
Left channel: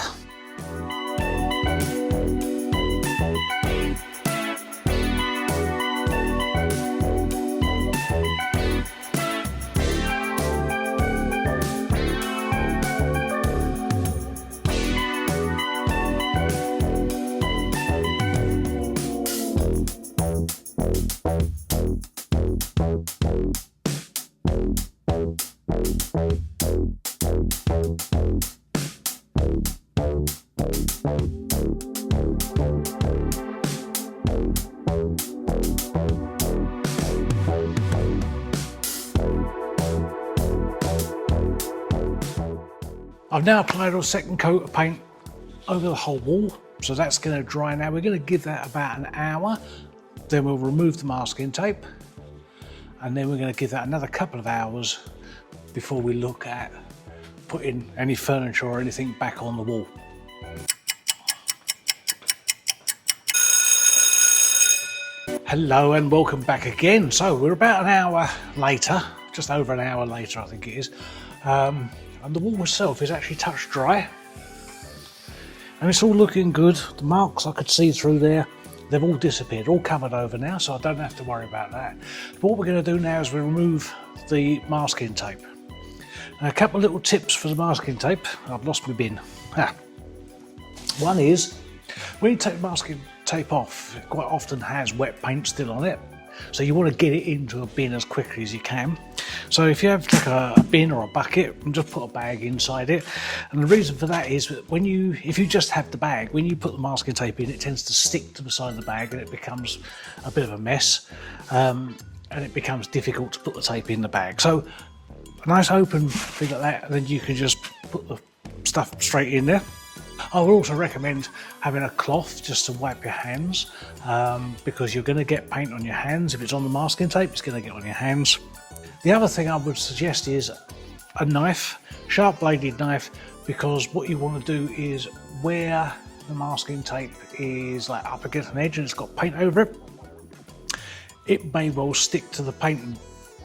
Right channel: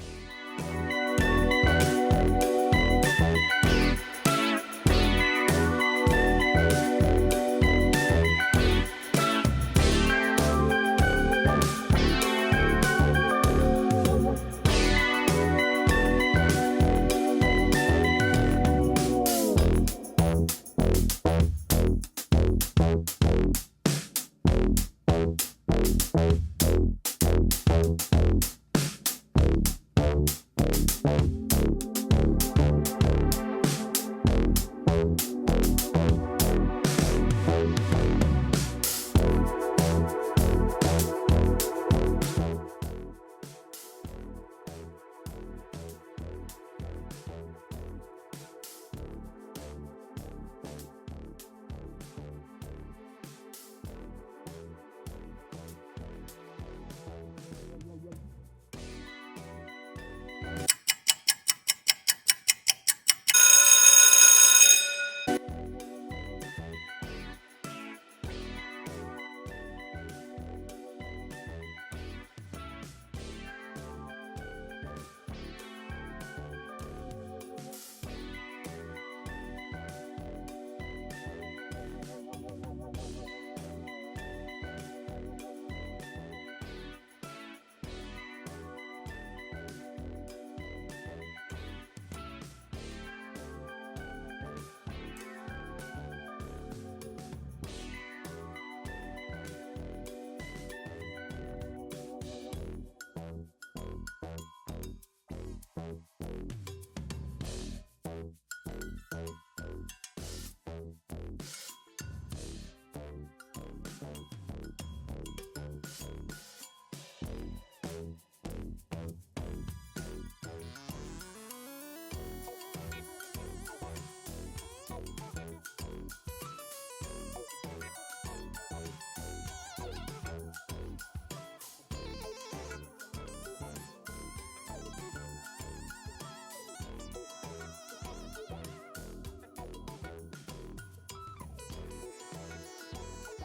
I've now applied a second coat of paint over the whole wall, so that's going to dry now. We're going to give that about an hour, then we'll remove the masking tape, and then we're going to give that another couple of hours before we look at putting any furniture or anything back on the wall. Hello and welcome back again. So we're about an hour later, just over an hour later I think it is, and the wall itself is actually touch dry and it's all looking good. The marks I could see through there, they've all disappeared, all covered over now, so I don't have to worry about that. But what we're going to do now is we remove the masking tape. Now, a couple of little tips for the masking tape. I've lost my bin. One is, when you take the masking tape off, it quite often has wet paint still on it, so you want to get it into a bin as quickly as you can. So if you have like a bin or a bucket, and just put a bag inside it. And the reason for that is that if you just have the bag, when you put the masking tape in, it tends to stick to the side of the bag and it becomes a bit of a mess, and it becomes difficult to put the tape in the bag. So a nice open thing like that, and then you can just put the stuff straight in there. I would also recommend having a cloth just to wipe your hands, because you're going to get paint on your hands. If it's on the masking tape, it's going to get on your hands. The other thing I would suggest is a knife, sharp bladed knife, because what you want to do is where the masking tape is like up against an edge and it's got paint over it, it may well stick to the paint.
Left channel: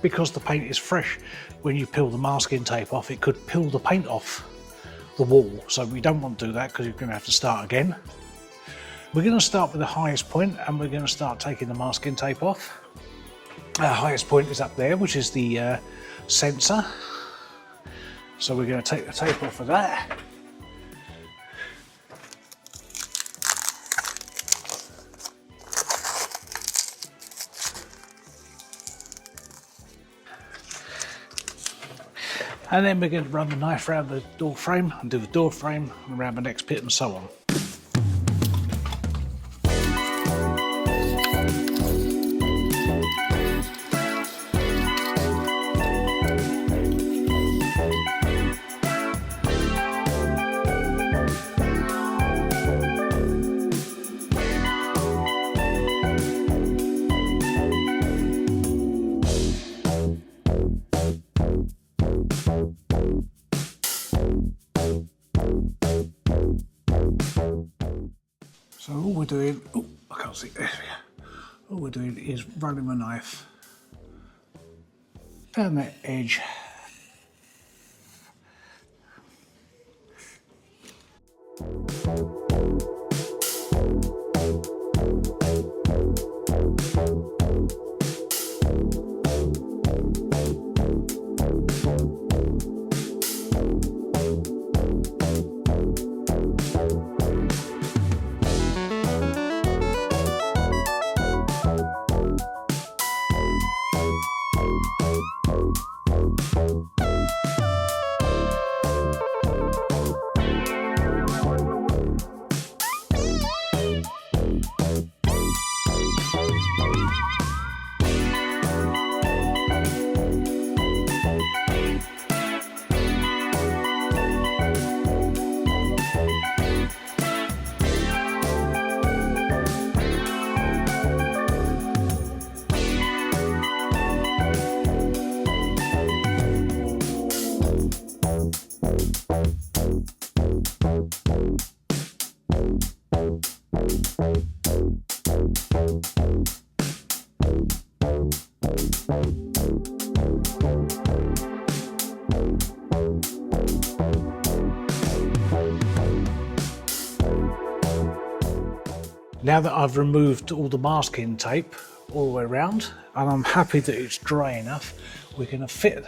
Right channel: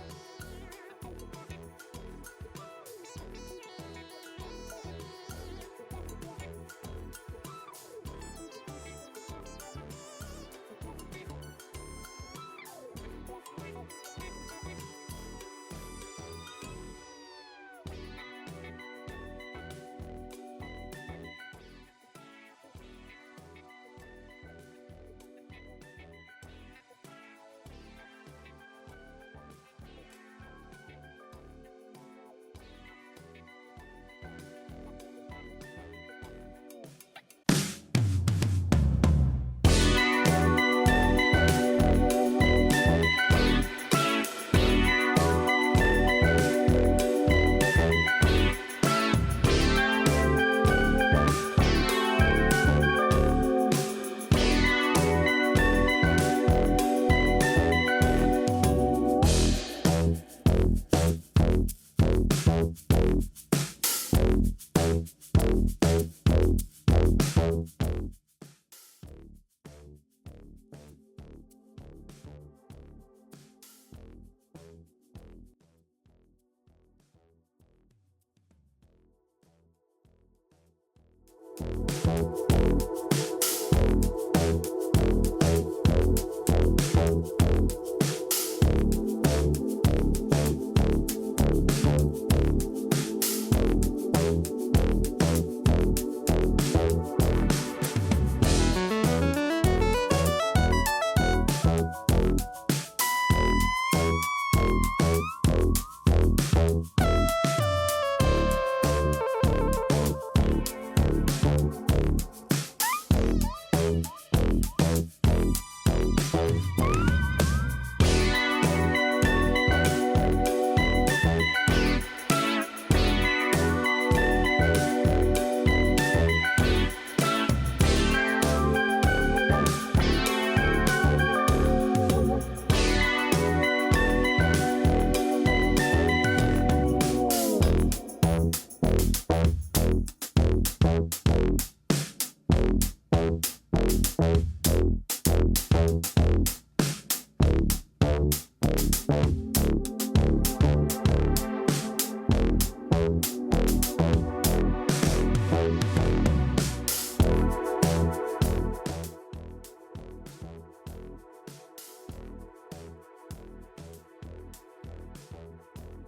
Because the paint is fresh, when you peel the masking tape off, it could peel the paint off the wall. So we don't want to do that because you're going to have to start again. We're going to start with the highest point and we're going to start taking the masking tape off. Our highest point is up there, which is the sensor. So we're going to take the tape off of that. And then we're going to run the knife around the door frame and do the door frame and around the next bit and so on. So all we're doing, oh, I can't see, there we go. All we're doing is running the knife down that edge. Now that I've removed all the masking tape all the way around and I'm happy that it's dry enough, we're going to fit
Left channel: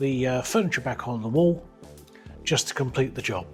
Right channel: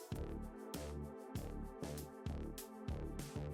the furniture back on the wall just to complete the job.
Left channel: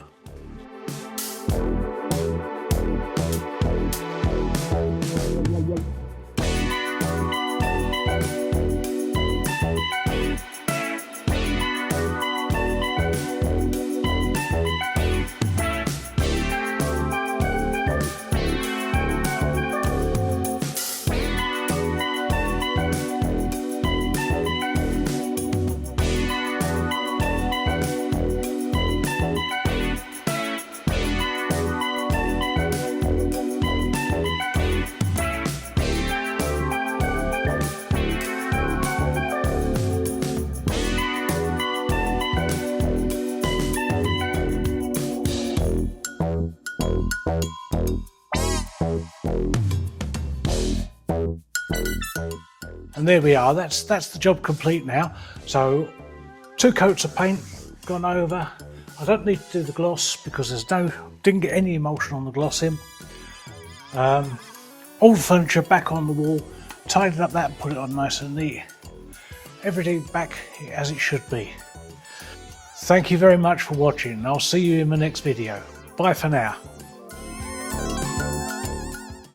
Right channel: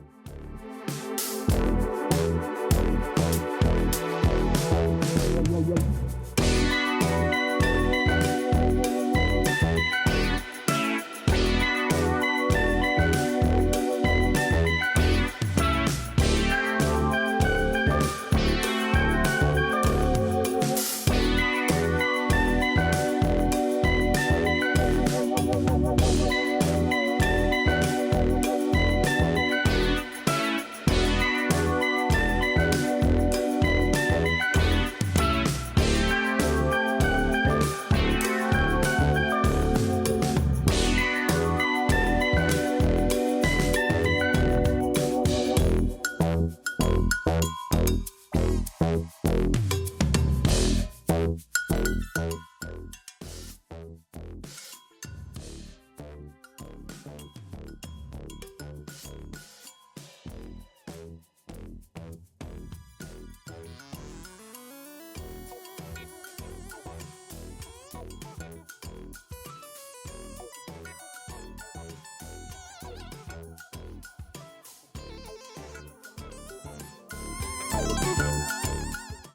And there we are, that's the job complete now. So 2 coats of paint gone over. I don't need to do the gloss because didn't get any emulsion on the gloss in. All the furniture back on the wall, tidied up that and put it on nice and neat. Everything back as it should be. Thank you very much for watching. I'll see you in the next video. Bye for now.